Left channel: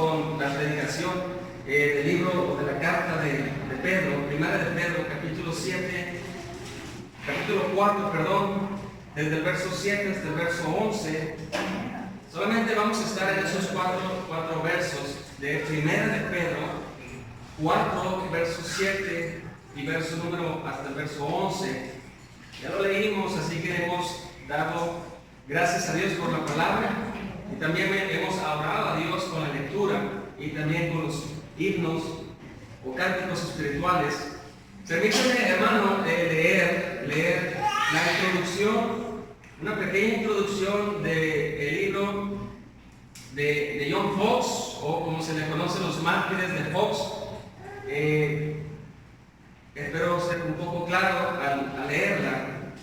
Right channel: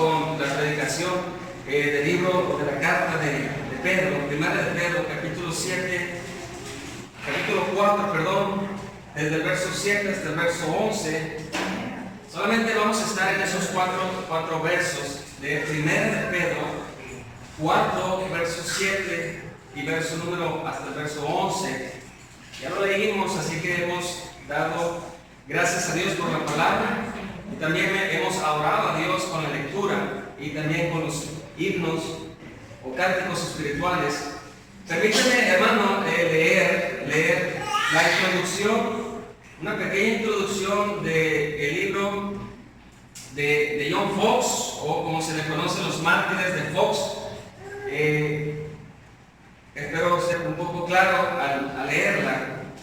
con la predicación del libro de la carta de Pedro, primera de Pedro, capítulo 4, desde el verso 7 hasta el verso 11. Solamente vamos a estar en esos cuatro versos de primera de Pedro 4, verso 7 y verso número hasta el verso 11. Ya lo leímos, así que hemos dado gracias a Dios por la palabra y también hemos orado a Dios con la lectura y también con los himnos o cánticos espirituales. Permítame, hermano, leer la introducción, una pequeña introducción del libro de John Fox, o como se le conoce, los mártires de Fox. Espero ser un poco claro al leerla.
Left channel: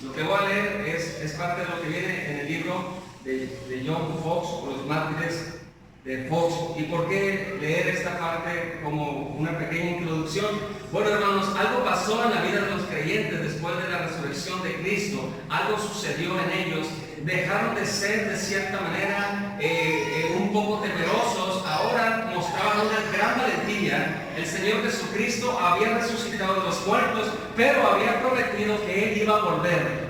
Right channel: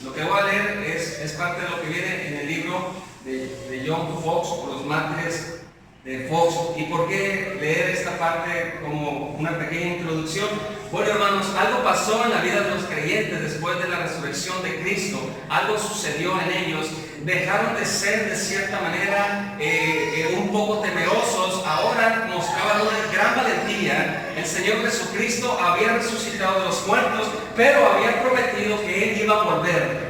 Lo que voy a leer es parte de lo que viene en el libro de John Fox, o los mártires de Fox. ¿Y por qué leer esta parte como una pequeña introducción? Bueno, hermanos, algo pasó en la vida de los creyentes después de la resurrección de Cristo. Algo sucedió en ellos. Dejaron de ser de cierta manera un poco temerosos. Ahora mostraban una gran valentía. El Señor Jesucristo había resucitado de los muertos, pero había prometido que Él iba a volver.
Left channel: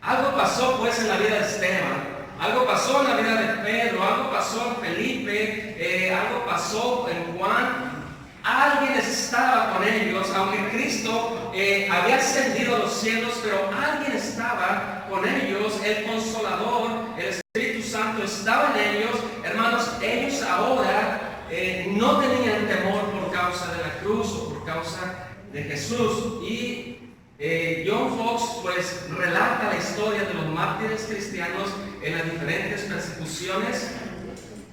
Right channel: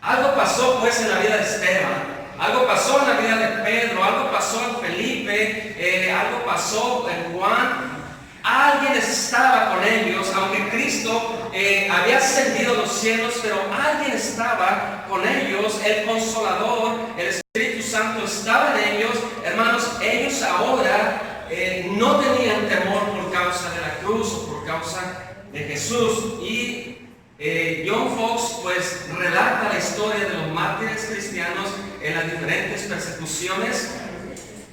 Algo pasó pues en la vida de Esteban. Algo pasó en la vida de Pedro, algo pasó en Felipe, algo pasó en Juan. Alguien estaba con ellos, aunque Cristo había ascendido a los cielos, pero alguien estaba con ellos. El Consolador, el Espíritu Santo estaba en ellos. Hermanos, ellos ahora no tenían temor por causa de la cruz o por causa de Jesús. Y John Fox pues relata la historia de los mártires cristianos en las diferentes persecuciones.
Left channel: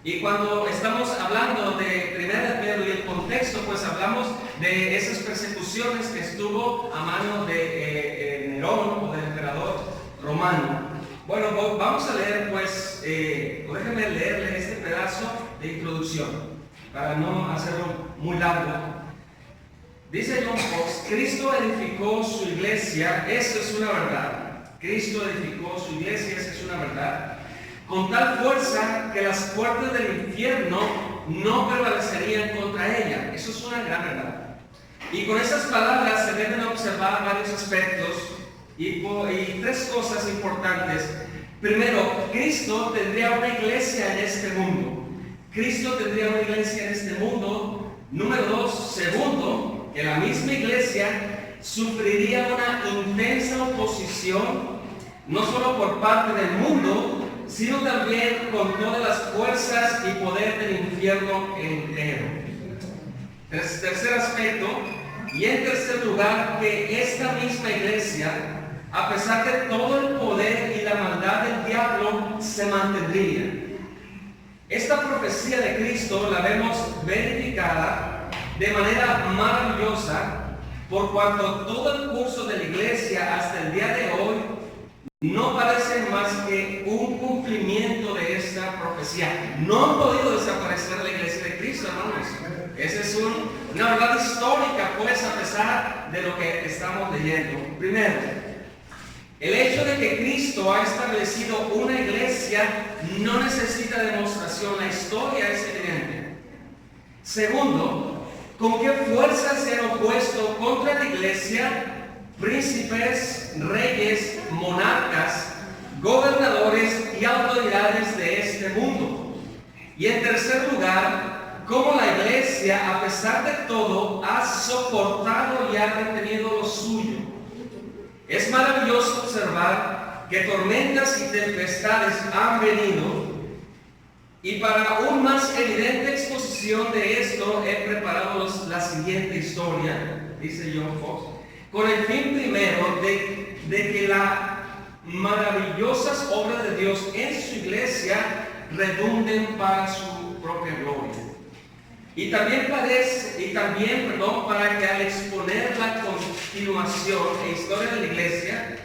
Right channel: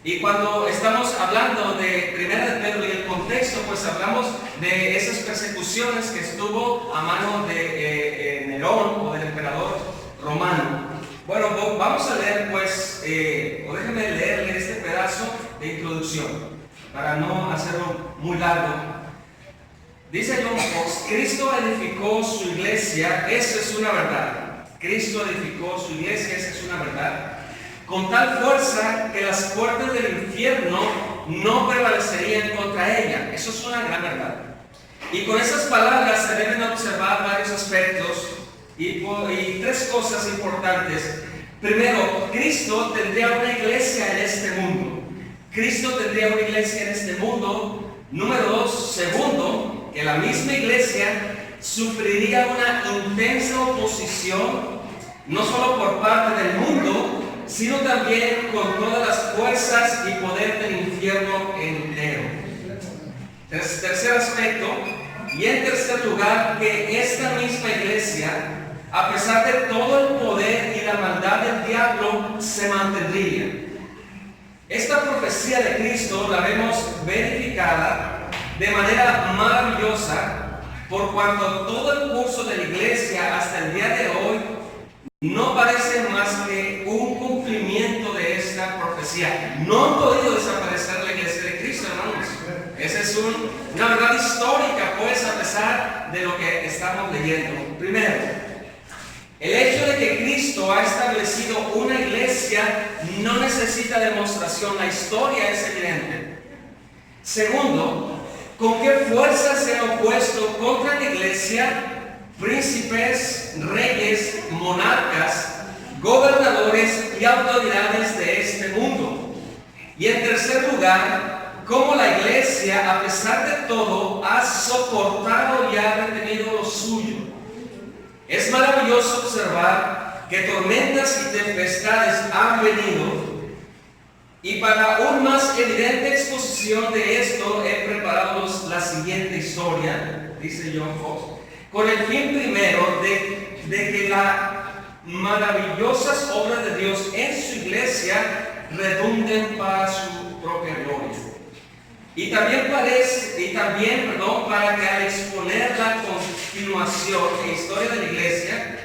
Y cuando estamos hablando de primera de Pedro y el contexto, pues hablamos de esas persecuciones que estuvo a mano de Nerón, o del emperador romano. Bueno, vamos a leer pues, o déjenme leerle este pedazo de introducción para no hacerlo muy largo. Dice John Fox: Cristo edificó su iglesia, eso es una verdad. Cristo edificó su iglesia, esa es una verdad, con tal fuerza que las puertas del infierno no prevalecerían contra ella. Eso es una gran verdad. Y con esas palabras se deben observar varios aspectos y tres cosas importantes. Primero, Cristo tendría una iglesia en este mundo. Cristo tendría una iglesia en este mundo. Número dos, segundo, que la misma iglesia sufriría una intensa oposición, no solo por parte del mundo, sino también con todas las fuerzas y poder del infierno entero. Tercer aspecto, y en tercer lugar, que esta misma iglesia, a pesar de todo el poder y la maldad del diablo, se mantendría. Esta profecía de Cristo la vemos verificada de manera maravillosa, por cuanto todo el curso de la iglesia hasta el día de hoy no parece más que un cumplimiento de esta profecía. No han podido desaparecer la iglesia de Cristo, hermanos. Esa es una verdad histórica, pues, a pesar de lo que estamos leyendo. Primero, el hecho de que Cristo ha establecido una iglesia no necesita demostración. La historia es evidente. Segundo, ¿con qué fuerzas se han opuesto contra la iglesia? Príncipes, reyes, monarcas, gobernadores y autoridades de este mundo. Y en tercer lugar, cómo la iglesia, a pesar de todo, ha soportado y ha retenido lo suyo. Es maravilloso observar que tormentas y tempestades han venido, y para aún más evidente exposición de esto he preparado la siguiente historia, dice John Fox, con el fin primero de que las maravillosas obras de Dios en su iglesia redunden para su propia gloria. Y también para que al exponer la continuación e historia de la iglesia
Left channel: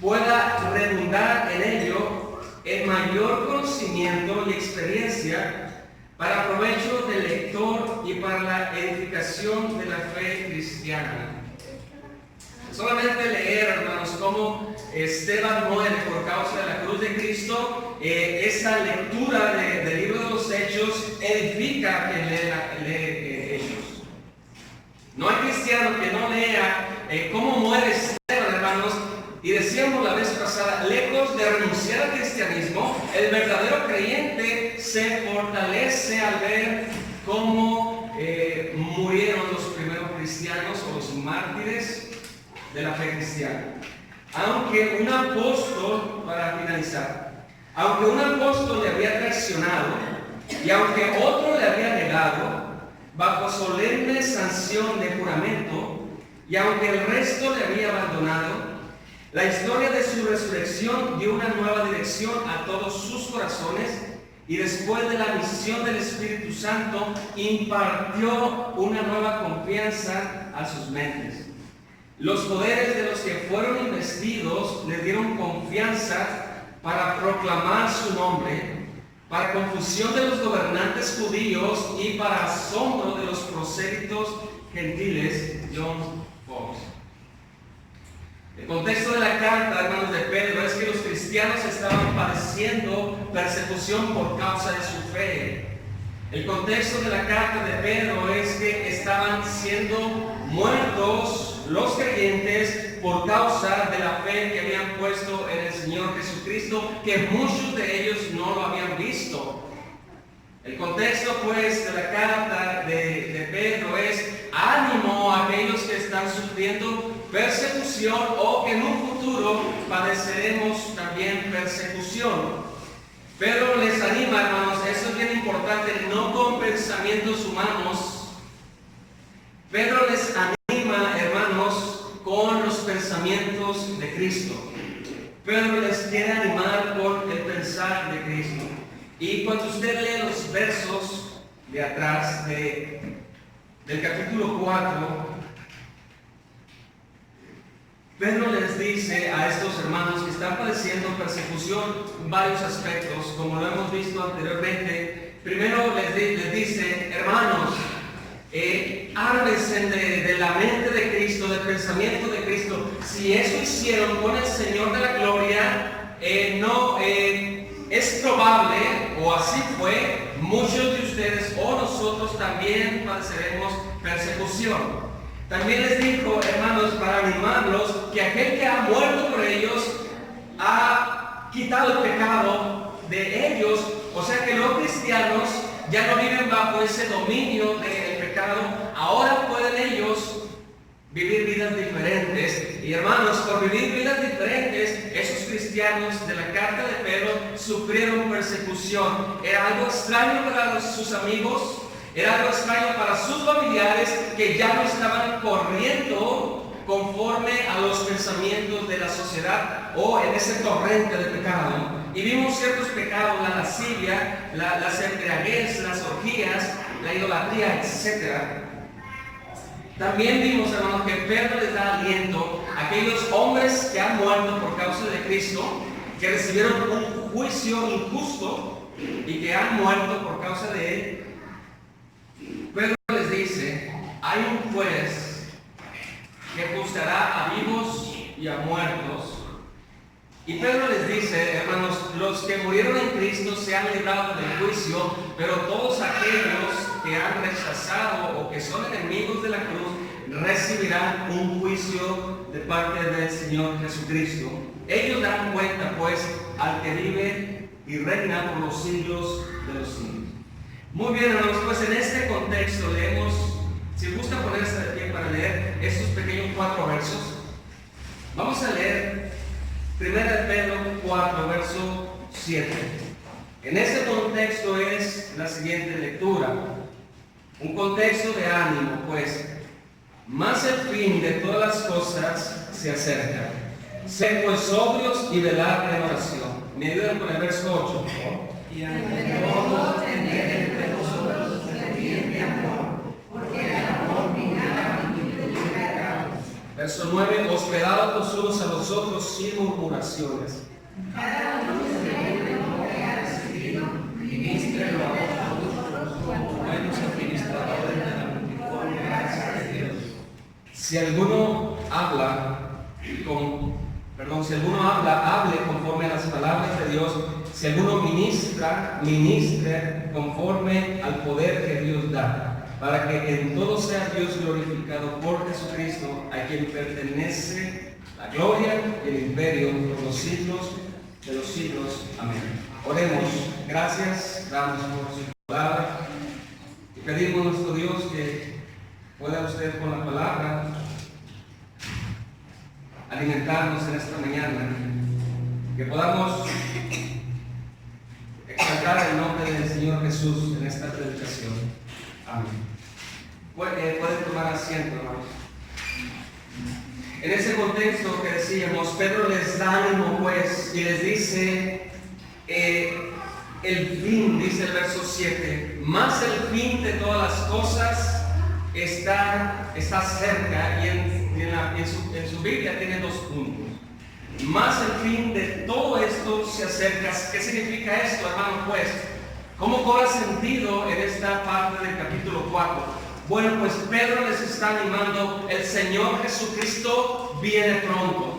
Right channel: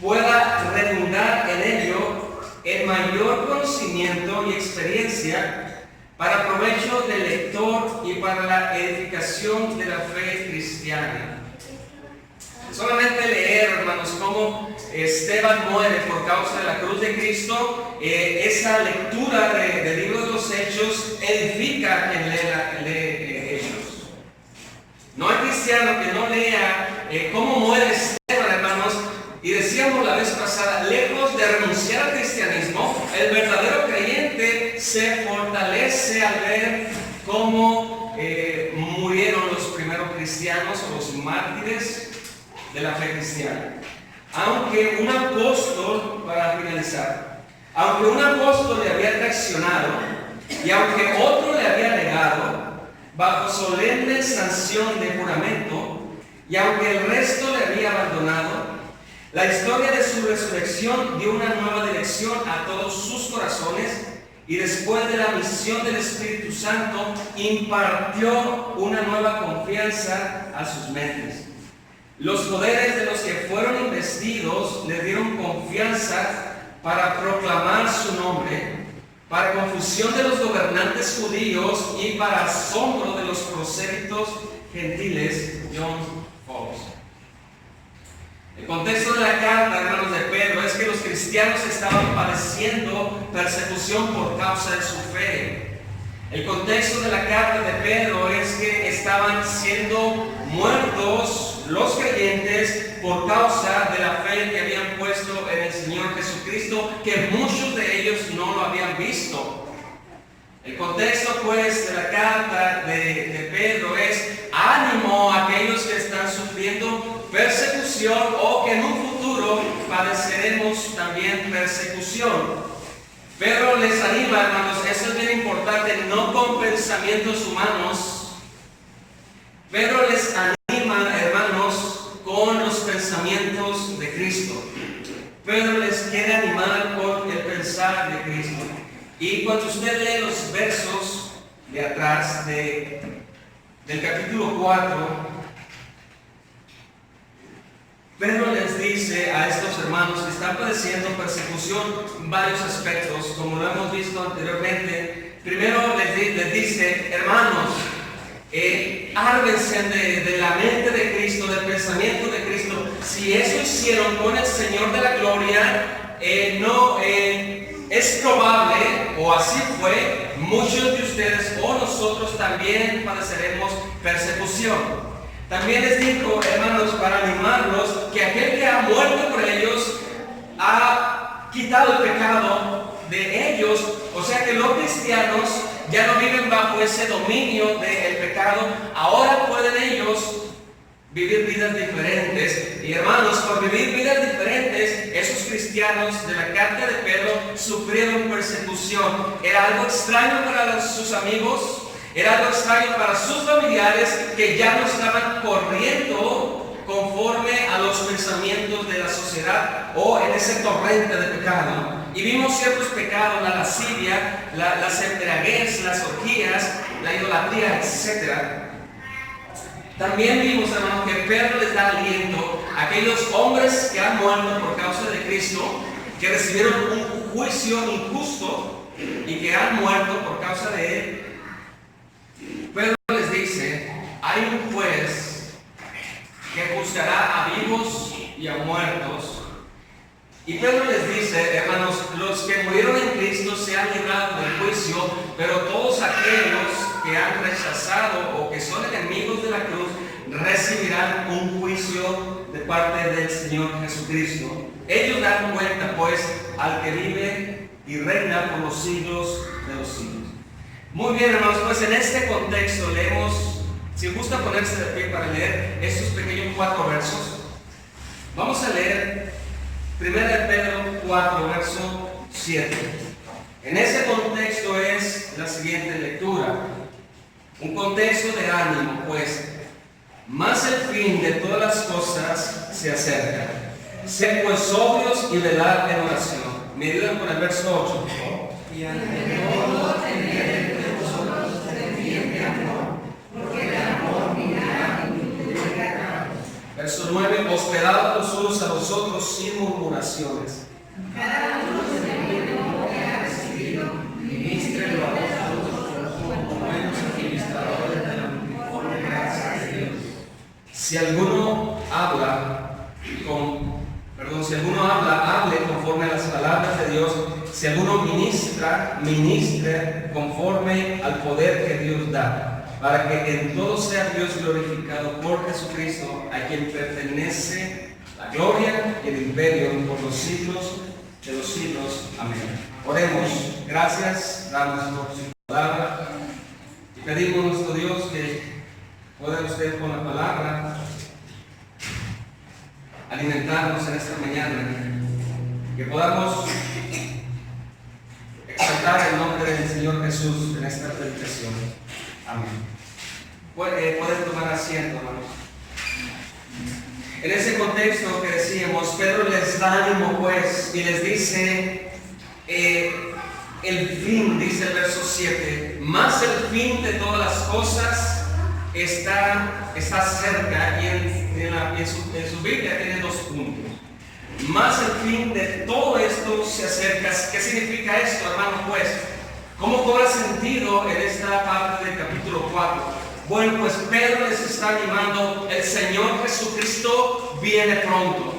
pueda redundar en ello el mayor conocimiento y experiencia para provecho del lector y para la edificación de la fe cristiana. Solamente leer, hermanos, cómo Esteban muere por causa de la cruz de Cristo esa lectura del libro de los Hechos edifica a quien lee Hechos. No hay cristiano que no lea cómo muere Esteban, hermanos. Y decíamos la vez pasada, lejos de renunciar al cristianismo, el verdadero creyente se fortalece al ver cómo murieron los primeros cristianos o los mártires de la fe cristiana. Aunque un apóstol, para finalizar, aunque un apóstol le había traicionado y aunque otro le había negado bajo solemne sanción de juramento, y aunque el resto le había abandonado, la historia de su resurrección dio una nueva dirección a todos sus corazones, y después de la misión del Espíritu Santo impartió una nueva confianza a sus mentes. Los poderes de los que fueron investidos les dieron confianza para proclamar su nombre, para confusión de los gobernantes judíos y para asombro de los prosélitos gentiles. John Fox. El contexto de la carta, hermanos, de Pedro es que los cristianos estaban padeciendo persecución por causa de su fe. El contexto de la carta de Pedro es que estaban siendo muertos los creyentes por causa de la fe que habían puesto en el Señor Jesucristo, que muchos de ellos no lo habían visto. El contexto, pues, de la carta de Pedro es ánimo a aquellos que están sufriendo persecución o que en un futuro padeceremos también persecución. Pedro les anima, hermanos, eso es bien importante, no con pensamientos humanos. Pedro les anima, hermanos, con los pensamientos de Cristo. Pedro les quiere animar con el pensar de Cristo. Y cuando usted lee los versos de atrás del capítulo 4, Pedro les dice a estos hermanos que están padeciendo persecución en varios aspectos, como lo hemos visto anteriormente. Primero les dice, hermanos, ármense de la mente de Cristo, del pensamiento de Cristo. Si eso hicieron con el Señor de la gloria, es probable, o así fue, muchos de ustedes o nosotros también padeceremos persecución. También les dijo, hermanos, para animarlos, que aquel que ha muerto por ellos ha quitado el pecado de ellos. O sea que los cristianos ya no viven bajo ese dominio del pecado. Ahora pueden ellos vivir vidas diferentes. Y hermanos, por vivir vidas diferentes, esos cristianos de la carta de Pedro sufrieron persecución. Era algo extraño para sus amigos. Era algo extraño para sus familiares, que ya no estaban corriendo conforme a los pensamientos de la sociedad o en ese torrente de pecado. Y vimos ciertos pecados, la lascivia, las embriaguez, las orgías, la idolatría, etc. También vimos, hermanos, que Pedro les da aliento a aquellos hombres que han muerto por causa de Cristo, que recibieron un juicio injusto y que han muerto por causa de Él. Pedro les dice, hay un juez que juzgará a vivos y a muertos. Y Pedro les dice, hermanos, los que murieron en Cristo se han librado del juicio, pero todos aquellos que han rechazado o que son enemigos de la cruz recibirán un juicio de parte del Señor Jesucristo. Ellos dan cuenta, pues, al que vive y reina por los siglos de los siglos. Muy bien, hermanos, pues en este contexto leemos, si gusta ponerse de pie para leer estos pequeños 4 versos. Vamos a leer 1 Pedro 4, verso 7. En ese contexto es la siguiente lectura. Un contexto de ánimo, pues, más el fin de todas las cosas se acerca. Sed pues sobrios y velad en oración. Me ayudan con el verso 8, por favor. Y ante todo tener entre vosotros ferviente amor, porque el amor minará multitud de pecados. Verso 9, hospedados los unos a los otros sin murmuraciones. Cada uno según lo que ha recibido, ministrelo a vosotros como buenos administradores de la multiforme gracia de Dios. Si alguno habla, hable conforme a las palabras de Dios. si alguno ministre conforme al poder que Dios da, para que en todo sea Dios glorificado por Jesucristo, a quien pertenece la gloria y el imperio por los siglos de los siglos. Amén. Oremos. Gracias, damos por su palabra y pedimos a nuestro Dios que pueda usted con la palabra alimentarnos en esta mañana, que podamos exaltar el nombre del Señor Jesús en esta predicación. Amén. Pueden tomar asiento, hermanos. En ese contexto que decíamos, Pedro les da ánimo pues y les dice el fin, dice el verso 7, más el fin de todas las cosas está cerca, y en su Biblia tiene 2 puntos. Más el fin de todo esto se acerca. ¿Qué significa esto, hermano? Pues, ¿cómo cobra sentido en esta parte del capítulo 4? Bueno, pues Pedro les está animando, el Señor Jesucristo viene pronto.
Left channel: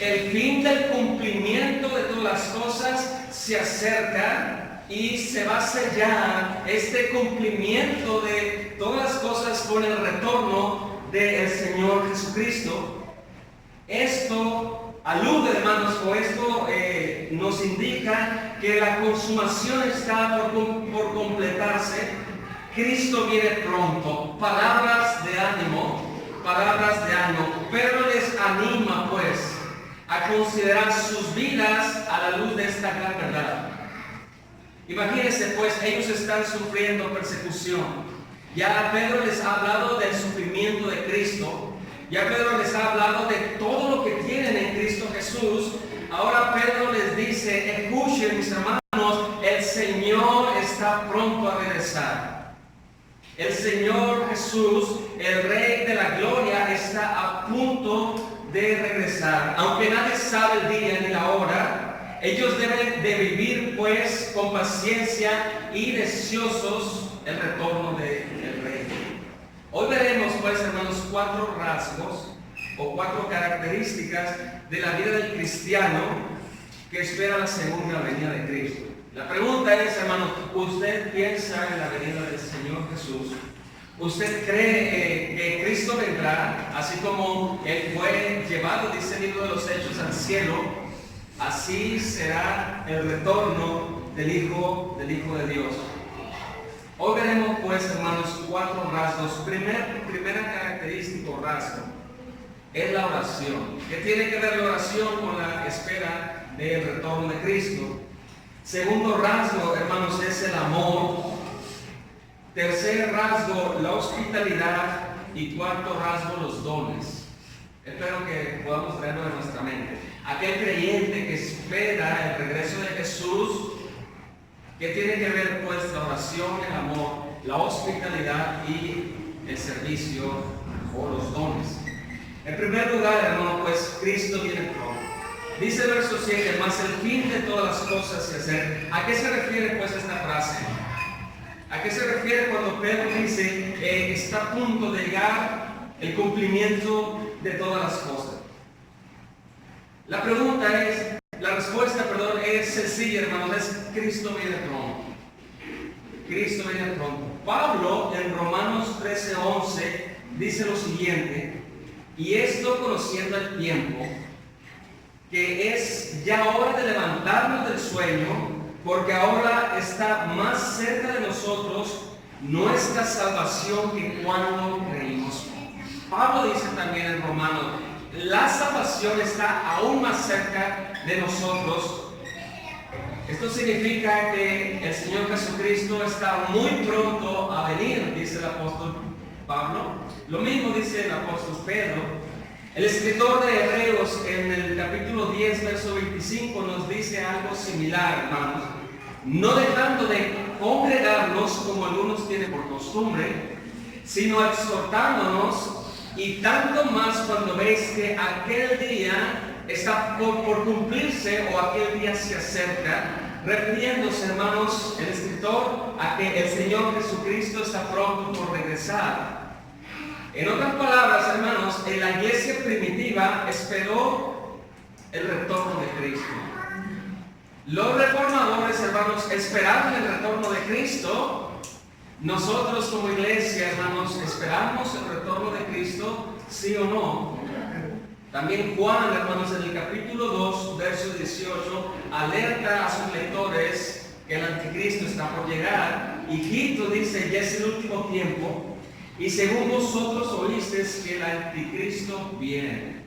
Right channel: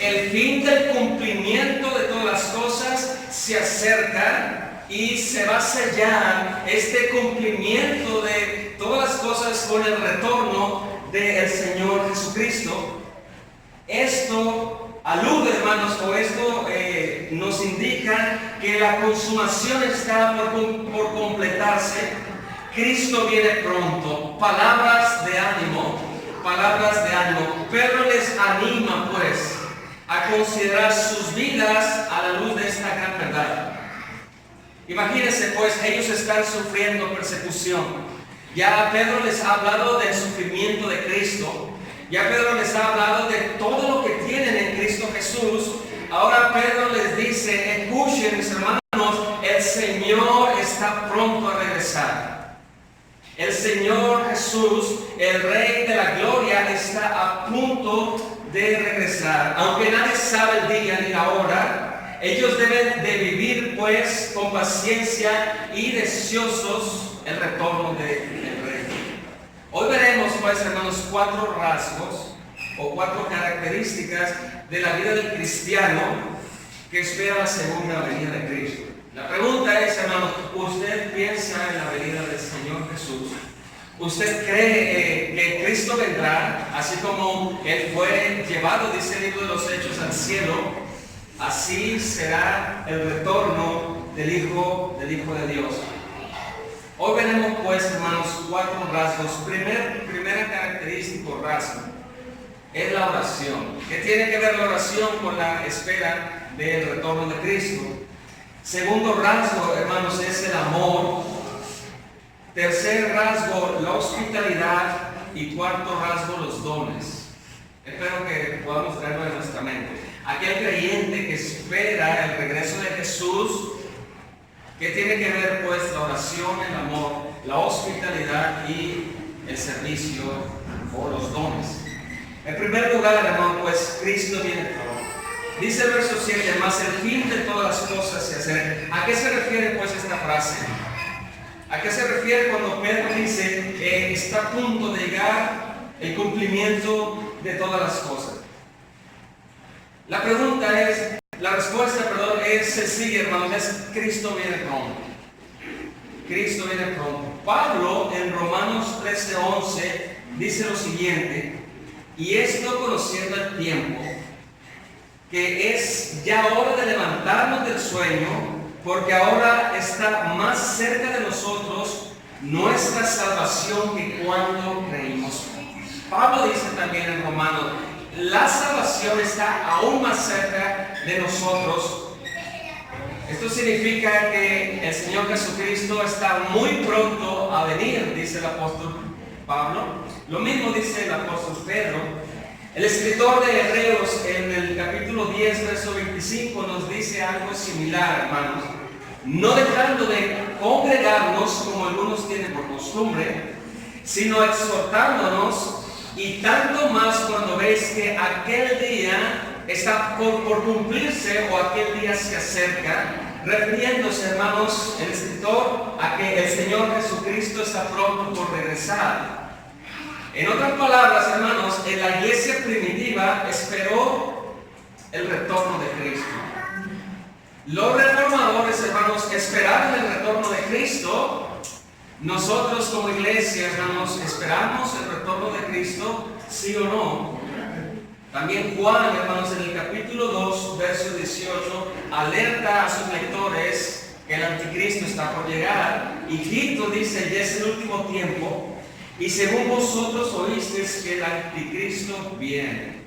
El fin del cumplimiento de todas las cosas se acerca y se va a sellar este cumplimiento de todas las cosas con el retorno del Señor Jesucristo. Esto alude, hermanos, o esto nos indica que la consumación está por completarse. Cristo viene pronto. Palabras de ánimo, palabras de ánimo. Pedro les anima pues a considerar sus vidas a la luz de esta gran verdad. Imagínense pues, ellos están sufriendo persecución. Ya Pedro les ha hablado del sufrimiento de Cristo. Ya Pedro les ha hablado de todo lo que tienen en Cristo Jesús. Ahora Pedro les dice, escuchen mis hermanos, el Señor está pronto a regresar. El Señor Jesús, el Rey de la Gloria, está a punto de regresar. Aunque nadie sabe el día ni la hora, ellos deben de vivir pues con paciencia y deseosos el retorno del Rey. Hoy veremos pues, hermanos, 4 rasgos o 4 características de la vida del cristiano que espera la segunda venida de Cristo. La pregunta es, hermanos, ¿usted piensa en la venida del Señor Jesús? ¿Usted cree que Cristo vendrá, así como Él fue llevado, dice el libro de los Hechos, al cielo? Así será el retorno del Hijo de Dios. Hoy veremos pues, hermanos, 4 rasgos. Primera característica o rasgo es la oración. ¿Qué tiene que ver la oración con la espera del retorno de Cristo? Segundo rasgo, hermanos, es el amor. Tercer rasgo, la hospitalidad. Y cuarto rasgo, los dones. Espero que podamos traerlo en nuestra mente. Aquel creyente que espera el regreso de Jesús, que tiene que ver pues la oración, el amor, la hospitalidad y el servicio o los dones. En primer lugar, hermano, pues Cristo viene pronto. Dice el verso 7, más el fin de todas las cosas se acerca. ¿A qué se refiere pues esta frase? ¿A qué se refiere cuando Pedro dice está a punto de llegar el cumplimiento de todas las cosas? La respuesta es sencilla, hermanos, es Cristo viene pronto. Cristo viene pronto. Pablo en Romanos 13:11 dice lo siguiente, y esto conociendo el tiempo, que es ya hora de levantarnos del sueño, porque ahora está más cerca de nosotros nuestra salvación que cuando creímos. Pablo dice también en Romanos, la salvación está aún más cerca de nosotros. Esto significa que el Señor Jesucristo está muy pronto a venir, dice el apóstol Pablo. Lo mismo dice el apóstol Pedro. El escritor de Hebreos en el capítulo 10, verso 25 nos dice algo similar, hermanos. No dejando de congregarnos como algunos tienen por costumbre, sino exhortándonos, y tanto más cuando veis que aquel día está por cumplirse o aquel día se acerca, refiriéndose, hermanos, el escritor a que el Señor Jesucristo está pronto por regresar. En otras palabras, hermanos, en la iglesia primitiva esperó el retorno de Cristo. Los reformadores, hermanos, esperaban el retorno de Cristo. Nosotros como iglesia, hermanos, ¿esperamos el retorno de Cristo? ¿Sí o no? También Juan, hermanos, en el capítulo 2, verso 18, alerta a sus lectores que el anticristo está por llegar. Y Tito dice, ya es el último tiempo, y según vosotros oísteis que el anticristo viene.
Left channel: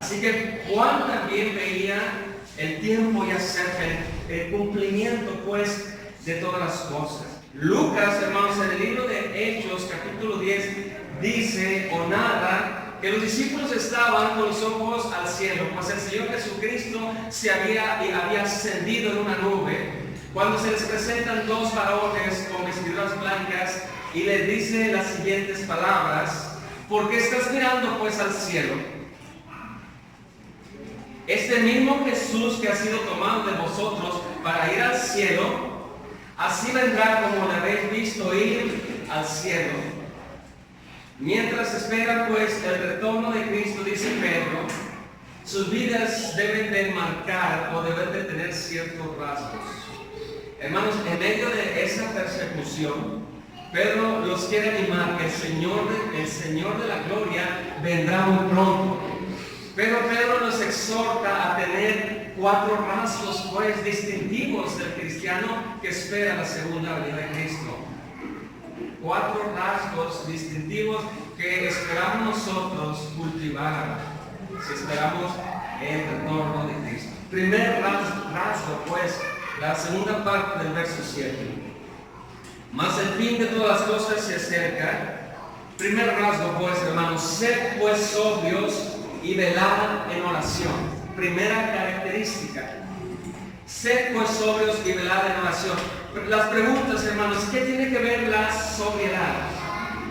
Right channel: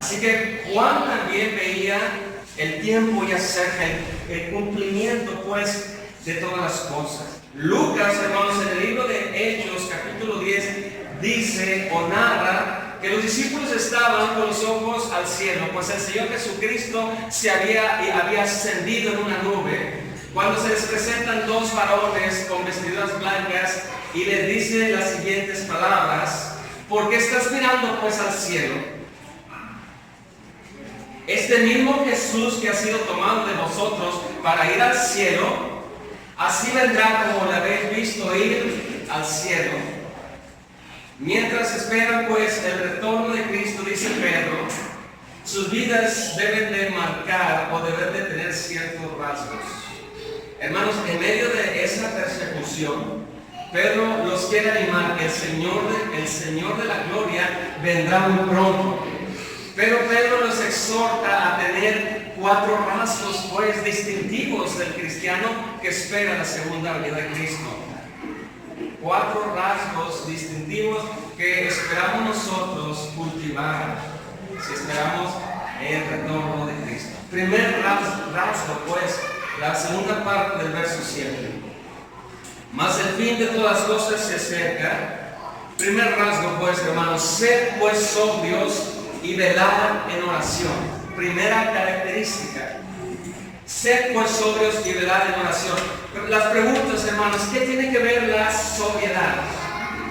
Así que Juan también veía el tiempo ya cerca, el cumplimiento pues de todas las cosas. Lucas, hermanos, en el libro de Hechos, capítulo 10, dice o narra que los discípulos estaban con los ojos al cielo, pues el Señor Jesucristo había ascendido en una nube, cuando se les presentan dos varones con vestiduras blancas y les dice las siguientes palabras: ¿por qué estás mirando pues al cielo? Este mismo Jesús que ha sido tomado de vosotros para ir al cielo, así vendrá como le habéis visto ir al cielo. Mientras esperan pues el retorno de Cristo, dice Pedro, sus vidas deben de marcar o deben de tener ciertos rasgos. Hermanos, en medio de esa persecución, Pedro los quiere animar que el Señor de la gloria vendrá muy pronto. Pero Pedro los exhorta a tener 4 rasgos pues distintivos del cristiano que espera la segunda venida de Cristo. 4 rasgos distintivos que esperamos nosotros cultivar si esperamos el retorno de Cristo. Primer rasgo pues, la segunda parte del verso 7. Mas el fin de todas las cosas se acerca. Primer rasgo pues, hermanos, sed pues sobrios y velad en oración. Primera característica. Sed pues sobrios y velad en oración. Las preguntas, hermanos, ¿qué tiene que ver la sobriedad?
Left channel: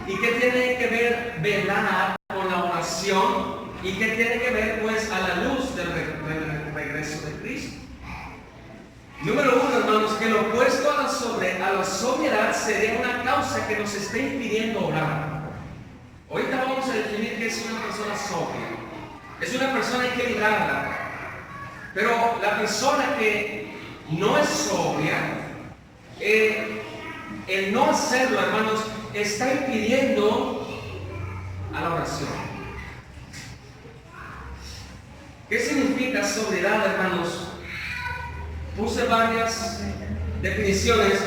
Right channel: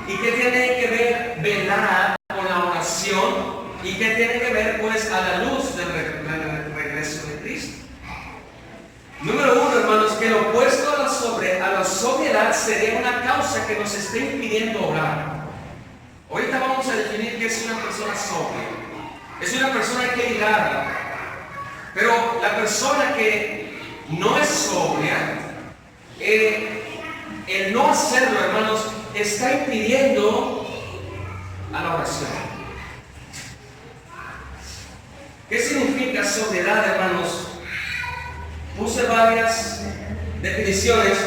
¿Y qué tiene que ver velar con la oración? ¿Y qué tiene que ver pues a la luz del regreso de Cristo? Número 1, hermanos, que lo opuesto a la sobriedad sería una causa que nos esté impidiendo orar. Ahorita vamos a definir qué es una persona sobria. Es una persona equilibrada. Pero la persona que no es sobria, el no hacerlo, hermanos, está impidiendo a la oración. ¿Qué significa sobriedad, hermanos? Puse varias definiciones:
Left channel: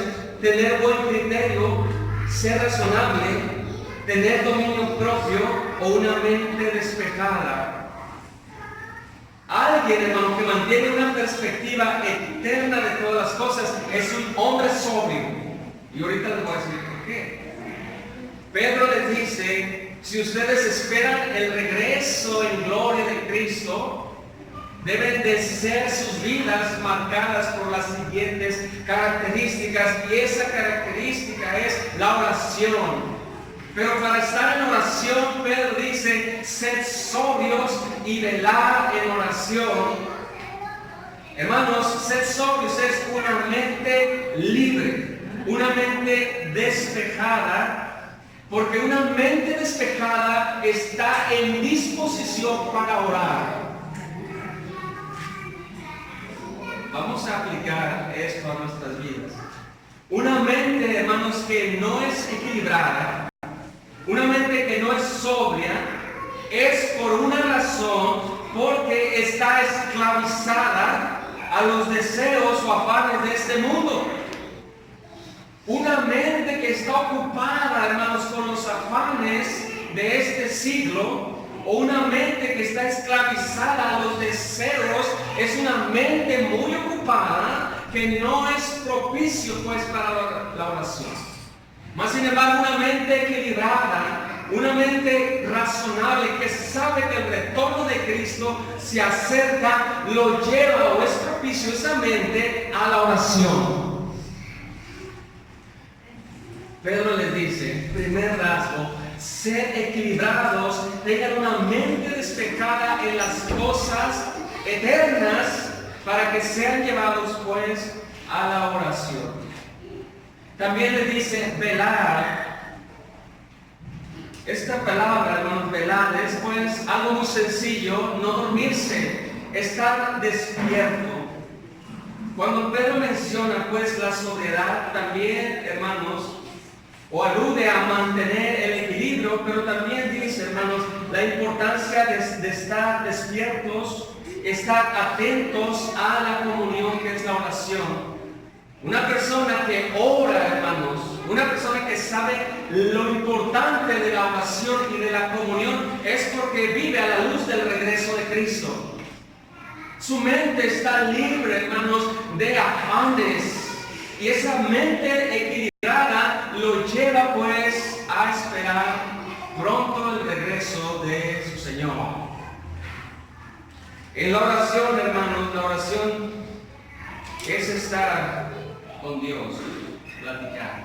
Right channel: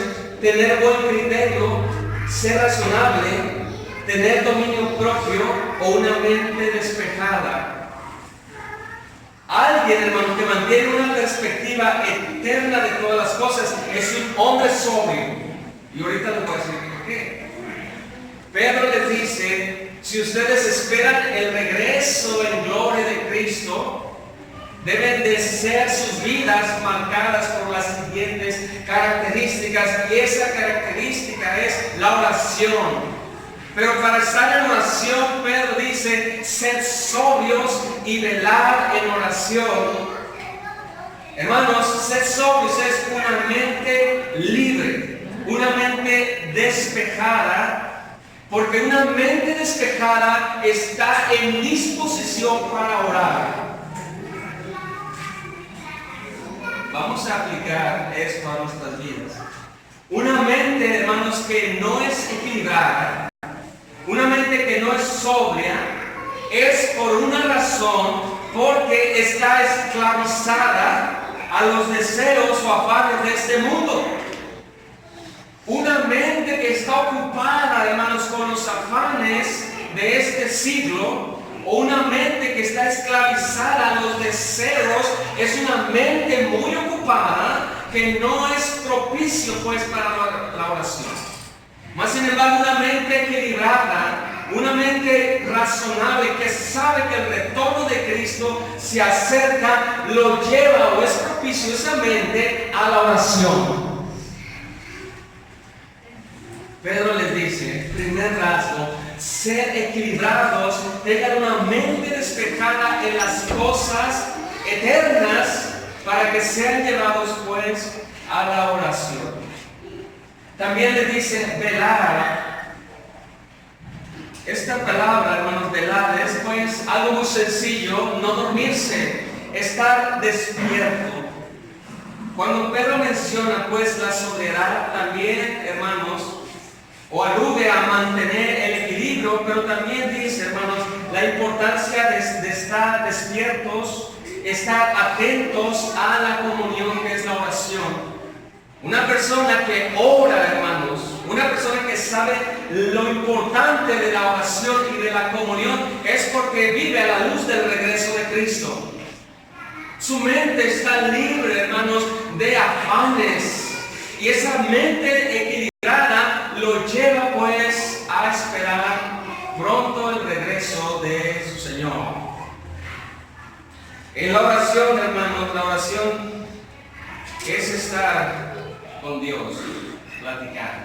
tener buen criterio, ser razonable, tener dominio propio o una mente despejada. Alguien, hermano, que mantiene una perspectiva eterna de todas las cosas es un hombre sobrio. Y ahorita les voy a decir por qué. Pedro les dice: si ustedes esperan el regreso en gloria de Cristo, deben de ser sus vidas marcadas por las siguientes características, y esa característica es la oración. Pero para estar en oración, Pedro dice: sed sobrios y velad en oración. Hermanos, sed sobrios es una mente libre, una mente despejada, porque una mente despejada está en disposición para orar. Vamos a aplicar esto a nuestras vidas. Una mente, hermanos, que no es equilibrada, una mente que no es sobria, es por una razón, porque está esclavizada a los deseos o afanes de este mundo. Una mente que está ocupada, hermanos, con los afanes de este siglo, o una mente que está esclavizada a los deseos, es una mente muy ocupada que no es propicio pues para la oración. Más sin embargo, una mente equilibrada, una mente razonable que sabe que el retorno de Cristo se acerca, lo lleva o es propicio esa mente a la oración. Pedro les dice, primer rasgo, ser equilibrados, tengan una mente despejada en las cosas eternas para que sean llevados pues a la oración. También le dice velar. Esta palabra, hermanos, velar es pues algo muy sencillo: no dormirse, estar despierto. Cuando Pedro menciona pues la sobriedad, también, hermanos, o alude a mantener el equilibrio, pero también dice, hermanos, la importancia de estar despiertos, estar atentos a la comunión que es la oración. Una persona que ora, hermanos, una persona que sabe lo importante de la oración y de la comunión es porque vive a la luz del regreso de Cristo. Su mente está libre, hermanos, de afanes, y esa mente equilibrada lo lleva pues a esperar pronto el regreso de su Señor. En la oración, hermanos, la oración es estar con Dios, platicar.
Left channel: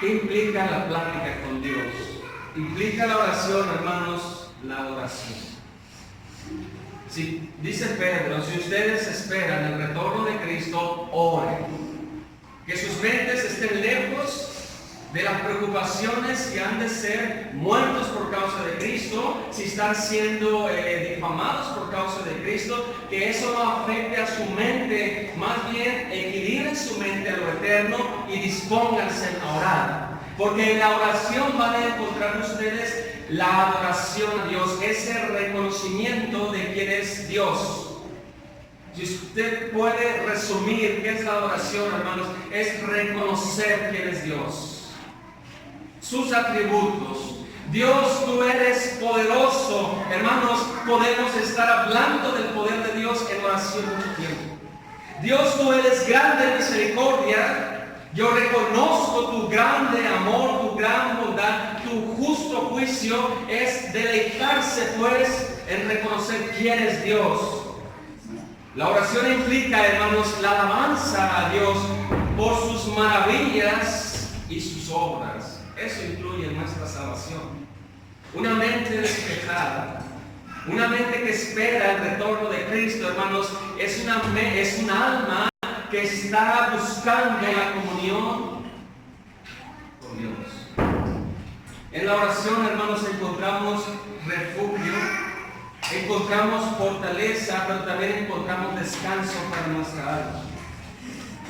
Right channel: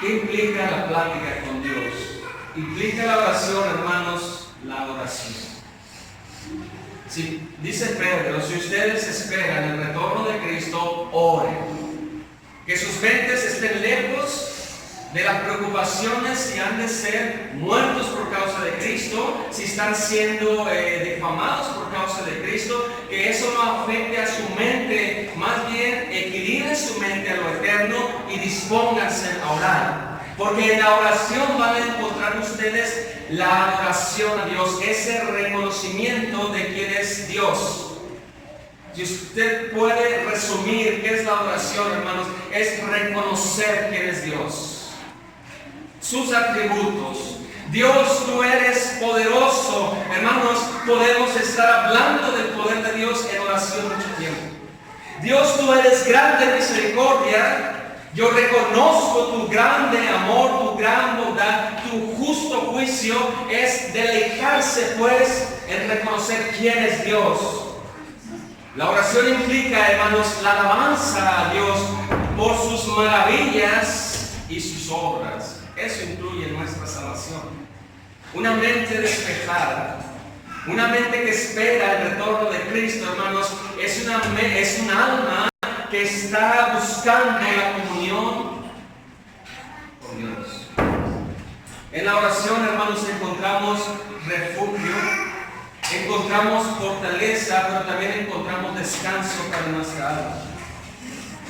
¿Qué implica la plática con Dios? Implica la oración, hermanos, la adoración. Si, dice Pedro, si ustedes esperan el retorno de Cristo, oren. Que sus mentes estén lejos de las preocupaciones si han de ser muertos por causa de Cristo, si están siendo difamados por causa de Cristo, que eso no afecte a su mente, más bien equilibren su mente a lo eterno y dispónganse a orar. Porque en la oración van a encontrar ustedes la adoración a Dios, ese reconocimiento de quién es Dios. Si usted puede resumir qué es la adoración, hermanos, es reconocer quién es Dios, sus atributos. Dios, tú eres poderoso. Hermanos, podemos estar hablando del poder de Dios en oración mucho tiempo. Dios, tú eres grande en misericordia. Yo reconozco tu grande amor, tu gran bondad, tu justo juicio. Es deleitarse pues en reconocer quién es Dios. La oración implica, hermanos, la alabanza a Dios por sus maravillas y sus obras. Eso incluye nuestra salvación. Una mente despejada, una mente que espera el retorno de Cristo, hermanos, es un alma que está buscando la comunión con Dios. En la oración, hermanos, encontramos refugio, encontramos fortaleza, pero también encontramos descanso para nuestra alma.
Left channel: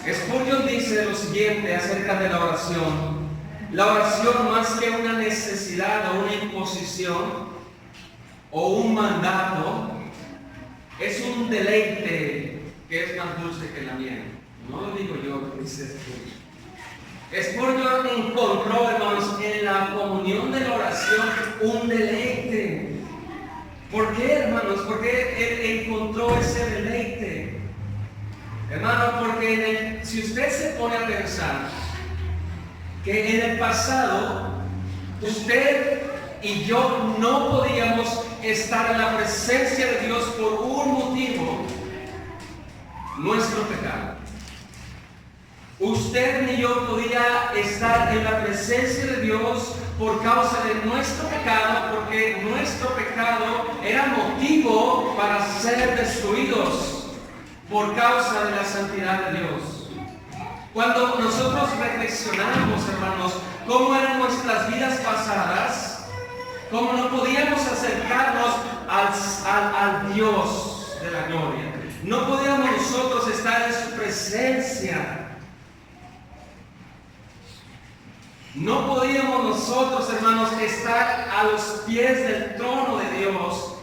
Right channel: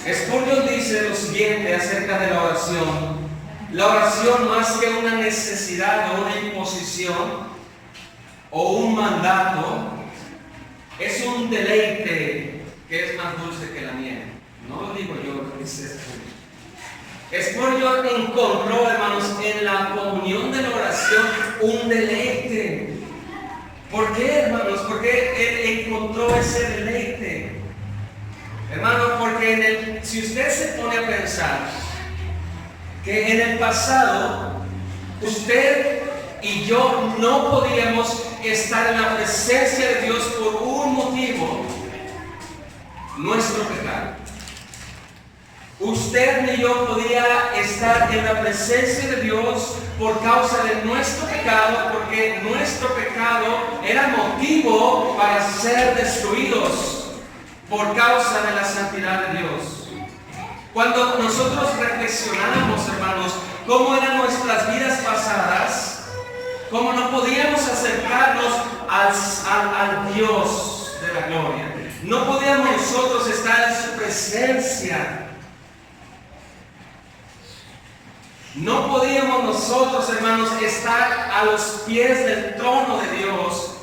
Spurgeon dice lo siguiente acerca de la oración: la oración, más que una necesidad o una imposición o un mandato, es un deleite que es más dulce que la miel. No lo digo yo, lo dice Spurgeon. Spurgeon encontró, hermanos, en la comunión de la oración un deleite. ¿Por qué, hermanos? Porque él encontró ese deleite. Hermanos, porque si usted se pone a pensar que en el pasado usted y yo no podíamos estar en la presencia de Dios por un motivo: nuestro pecado. Usted ni yo podía estar en la presencia de Dios por causa de nuestro pecado, porque nuestro pecado era motivo para ser destruidos por causa de la santidad de Dios. Cuando nosotros reflexionamos, hermanos, cómo eran nuestras vidas pasadas, cómo no podíamos acercarnos al Dios de la gloria, no podíamos nosotros estar en su presencia. No podíamos nosotros, hermanos, estar a los pies del trono de Dios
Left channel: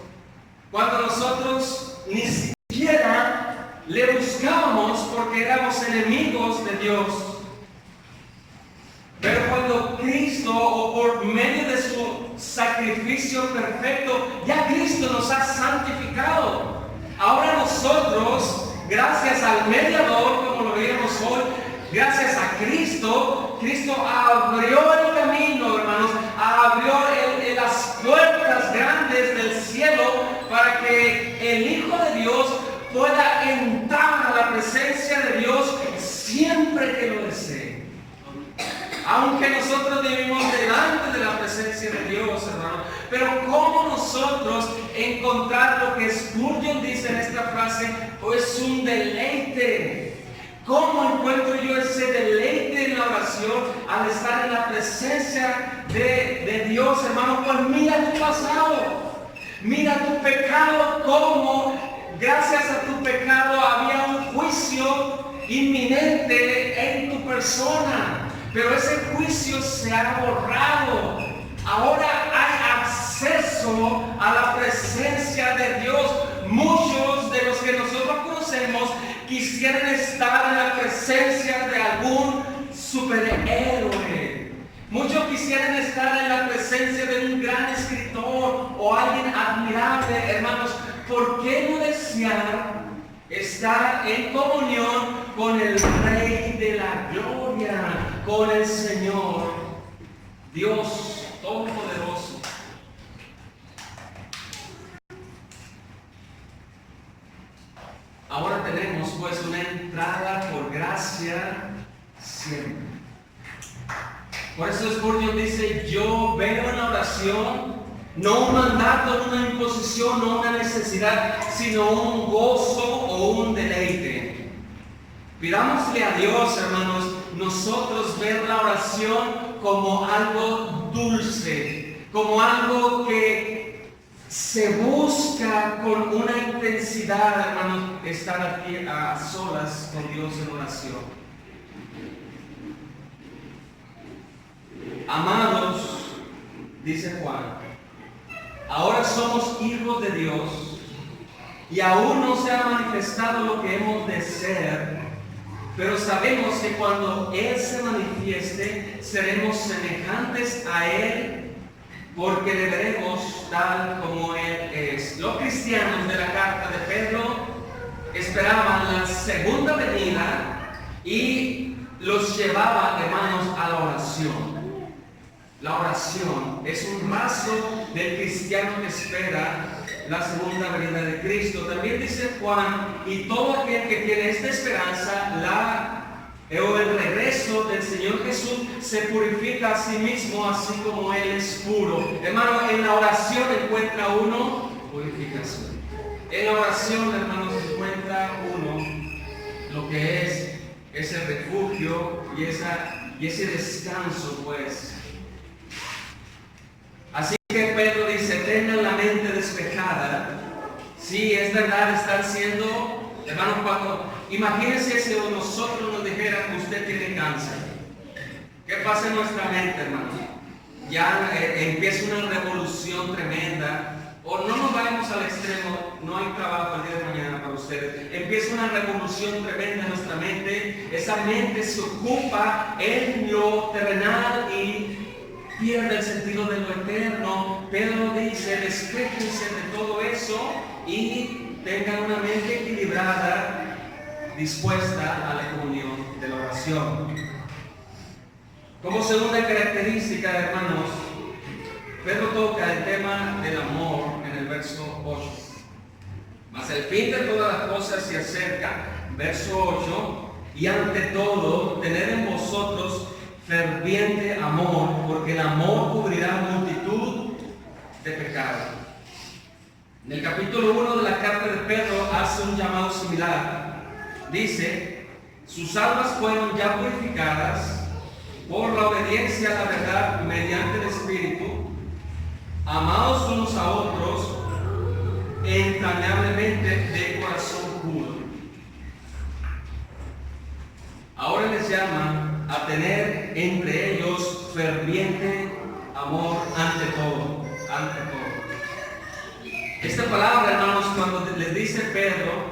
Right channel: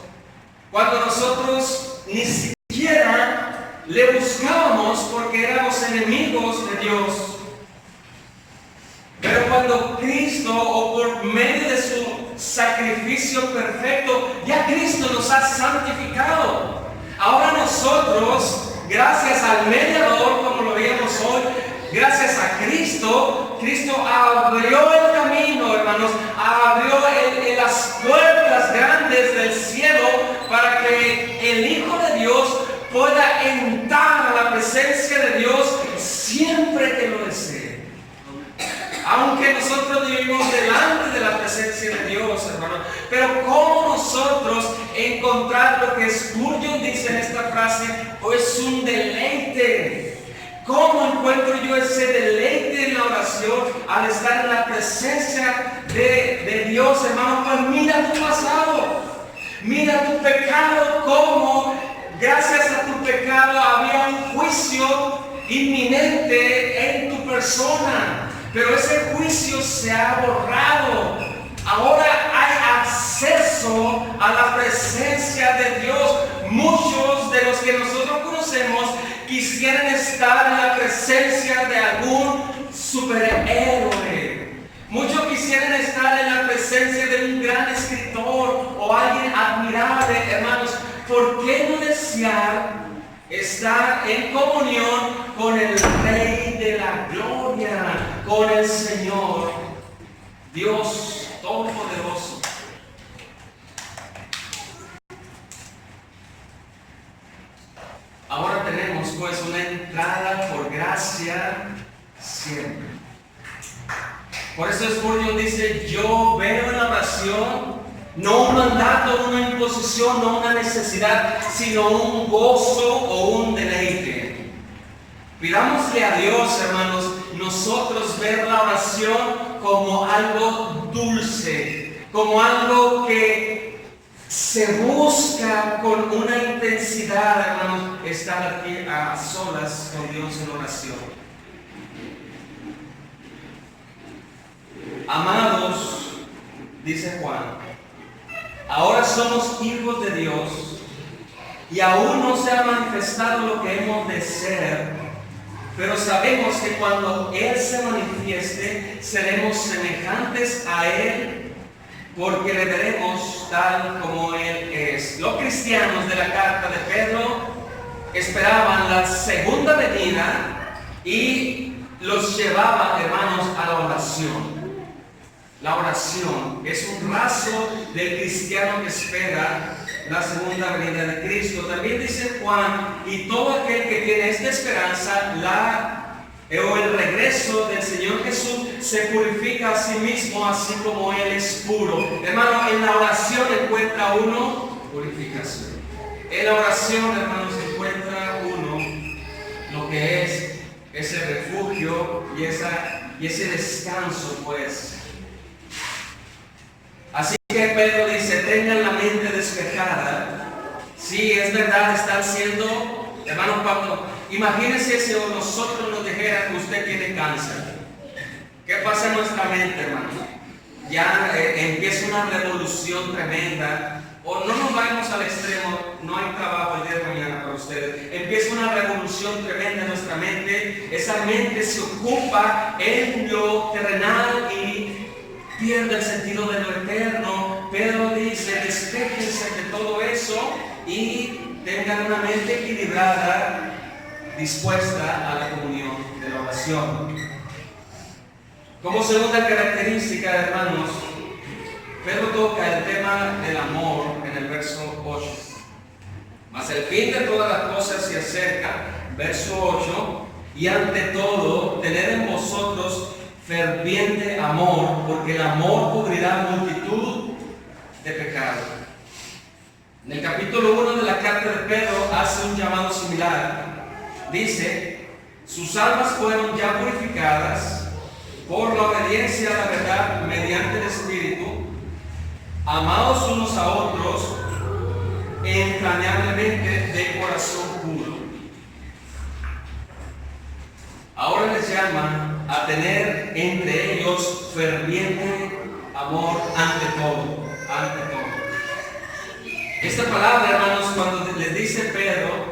cuando nosotros ni siquiera le buscábamos, porque éramos enemigos de Dios. Pero cuando Cristo, o por medio de su sacrificio perfecto, ya Cristo nos ha santificado. Ahora nosotros, gracias al mediador, como lo veíamos hoy, gracias a Cristo, Cristo abrió el camino, hermanos, abrió las puertas grandes del cielo para que el Hijo de Dios pueda entrar a la presencia de Dios siempre que lo desee. Aunque nosotros vivimos delante de la presencia de Dios, hermanos, pero ¿cómo nosotros encontrar lo que Spurgeon dice en esta frase? Es un deleite. ¿Cómo encuentro yo ese deleite en la oración al estar en la presencia de Dios, hermano? Pues mira tu pasado, mira tu pecado, cómo Gracias a tu pecado había un juicio inminente en tu persona, pero ese juicio se ha borrado. Ahora hay acceso a la presencia de Dios. Muchos de los que nosotros conocemos quisieran estar en la presencia de algún superhéroe. Muchos quisieran estar en la presencia de un gran escritor o alguien admirable, hermanos. ¿Por qué no desear estar en comunión con el Rey de la Gloria, con el Señor, Dios Todopoderoso? Ahora tenemos pues una entrada por gracia siempre. Por eso Spurgeon dice: yo veo en la oración no un mandato, una imposición, no una necesidad, sino un gozo o un deleite. Pidámosle a Dios, hermanos, nosotros ver la oración como algo dulce, como algo que se busca con una intensidad, hermanos, estar aquí a solas con Dios en oración. Amados, dice Juan, ahora somos hijos de Dios y aún no se ha manifestado lo que hemos de ser, pero sabemos que cuando Él se manifieste seremos semejantes a Él, porque le veremos tal como Él es. Los cristianos de la carta de Pedro esperaban la segunda venida y los llevaban, hermanos, a la oración. La oración es un rasgo del cristiano que espera la segunda venida de Cristo. También dice Juan: y todo aquel que tiene esta esperanza, o el regreso del Señor Jesús, se purifica a sí mismo, así como Él es puro. Hermano, en la oración encuentra uno purificación. En la oración, hermanos, encuentra uno lo que es ese refugio y ese descanso, pues. Así que Pedro dice: tengan la mente despejada. Sí, es verdad, están siendo, hermanos, imagínense si nosotros nos dijera que usted tiene cáncer. ¿Qué pasa en nuestra mente, hermanos? Ya empieza una revolución tremenda. O no nos vayamos al extremo, no hay trabajo el día de mañana para ustedes. Empieza una revolución tremenda en nuestra mente. Esa mente se ocupa en lo terrenal y pierde el sentido de lo eterno. Pedro dice: despéjense de todo eso y tengan una mente equilibrada, dispuesta a la comunión de la oración. Como segunda característica, hermanos, Pedro toca el tema del amor en el verso 8. Mas el fin de todas las cosas se acerca, verso 8, y ante todo, tened en vosotros ferviente amor, porque el amor cubrirá multitud de pecados. En el capítulo 1 de la carta de Pedro hace un llamado similar. Dice: sus almas fueron ya purificadas por la obediencia a la verdad mediante el Espíritu, amados unos a otros entrañablemente de corazón puro. Ahora les llama a tener entre ellos ferviente amor ante todo, ante todo. Esta palabra, hermanos, cuando les dice Pedro,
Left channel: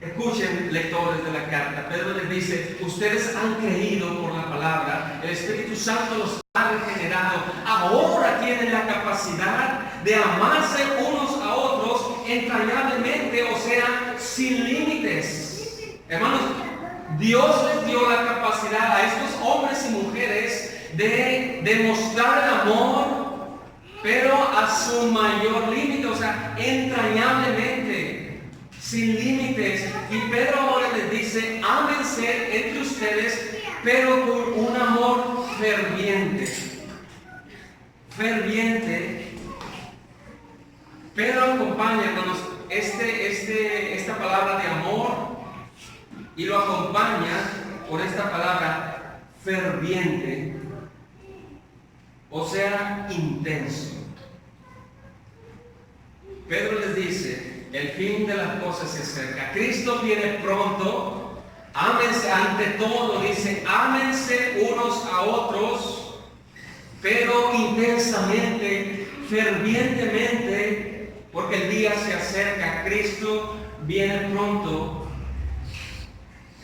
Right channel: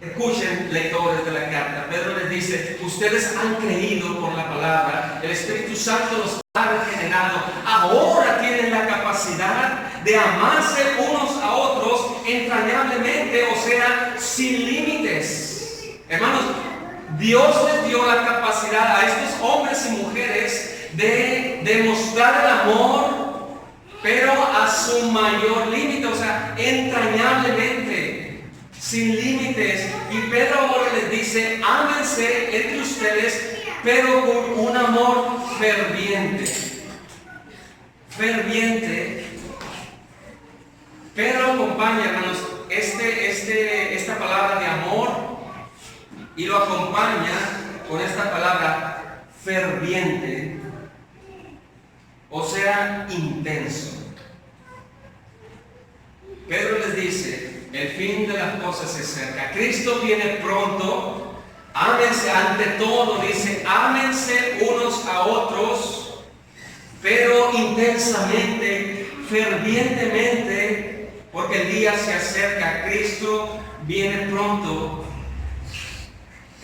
escuchen, lectores de la carta, Pedro les dice: ustedes han creído por la palabra, el Espíritu Santo los ha regenerado, ahora tienen la capacidad de amarse unos a otros entrañablemente, o sea, sin límites. Hermanos, Dios les dio la capacidad a estos hombres y mujeres de demostrar el amor, pero a su mayor límite, o sea, entrañablemente, sin límites. Y Pedro ahora les dice: ámense entre ustedes, pero con un amor ferviente. Ferviente. Pedro acompaña, hermanos, esta palabra de amor, y lo acompaña con esta palabra ferviente, o sea, intenso. Pedro les dice: el fin de las cosas se acerca. Cristo viene pronto. Ámense ante todo, dice, ámense unos a otros, pero intensamente, fervientemente, porque el día se acerca. Cristo viene pronto.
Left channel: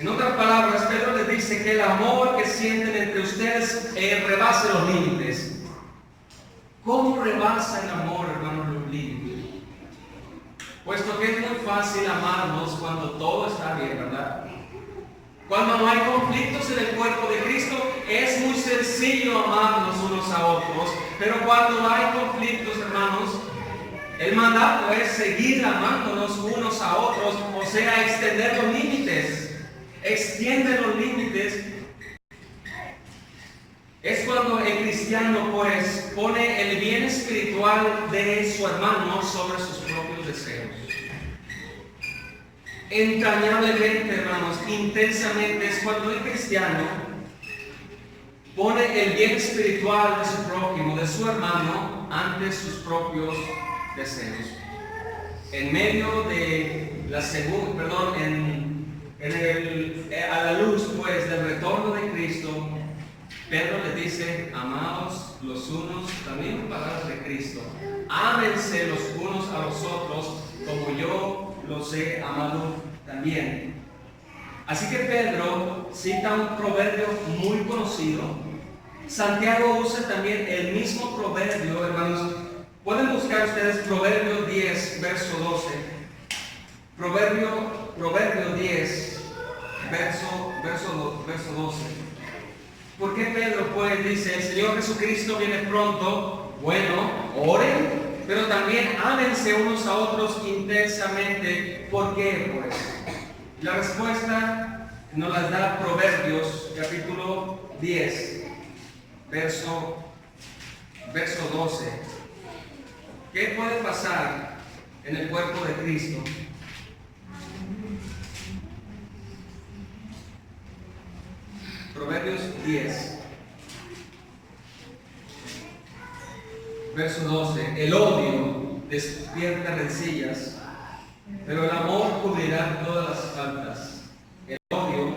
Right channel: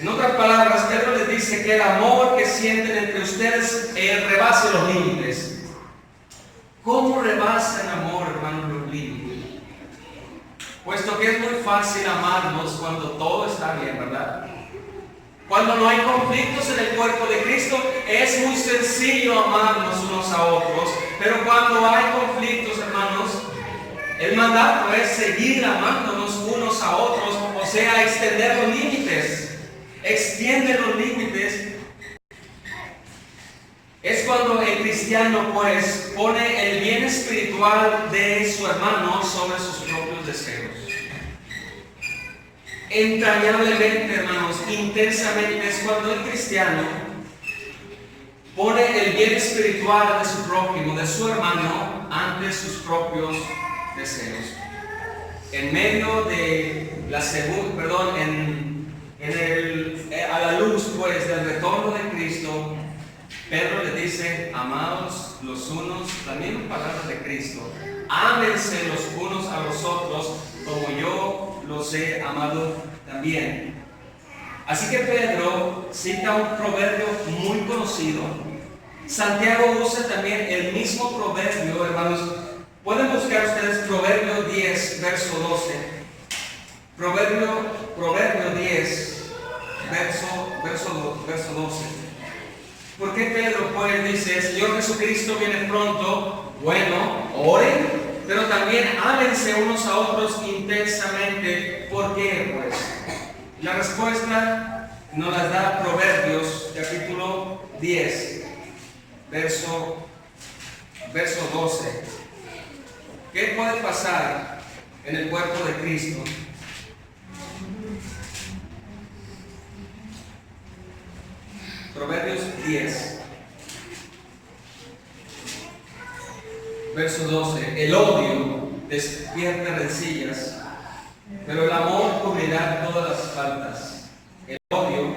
En otras palabras, Pedro les dice que el amor que sienten entre ustedes rebase los límites. ¿Cómo rebasa el amor, hermanos, los límites? Puesto que es muy fácil amarnos cuando todo está bien, ¿verdad? Cuando no hay conflictos en el cuerpo de Cristo, es muy sencillo amarnos unos a otros. Pero cuando hay conflictos, hermanos, el mandato es seguir amándonos unos a otros, o sea, extender los límites. Extiende los límites. Es cuando el cristiano pues pone el bien espiritual de su hermano sobre sus propios deseos. Entrañablemente, hermanos, intensamente, es cuando el cristiano pone el bien espiritual de su prójimo, de su hermano, ante sus propios deseos. En medio de la a la luz pues del retorno de Cristo, Pedro le dice, amados los unos, también palabras de Cristo, ámense los unos a los otros como yo los he amado también. Así que Pedro cita un proverbio muy conocido. Santiago usa también el mismo proverbio, hermanos. Pueden buscar ustedes Proverbio 10, verso 12. Proverbio 10, verso 12. ¿Por qué Pedro pues dice, el Señor Jesucristo viene pronto? Bueno, oren, pero también ámense unos a otros intensamente. ¿Por qué pues? La respuesta nos la da Proverbios capítulo 10, verso 12. ¿Qué puede pasar en el cuerpo de Cristo? Proverbios 10, verso 12. El odio despierta rencillas, pero el amor cubrirá todas las faltas. El odio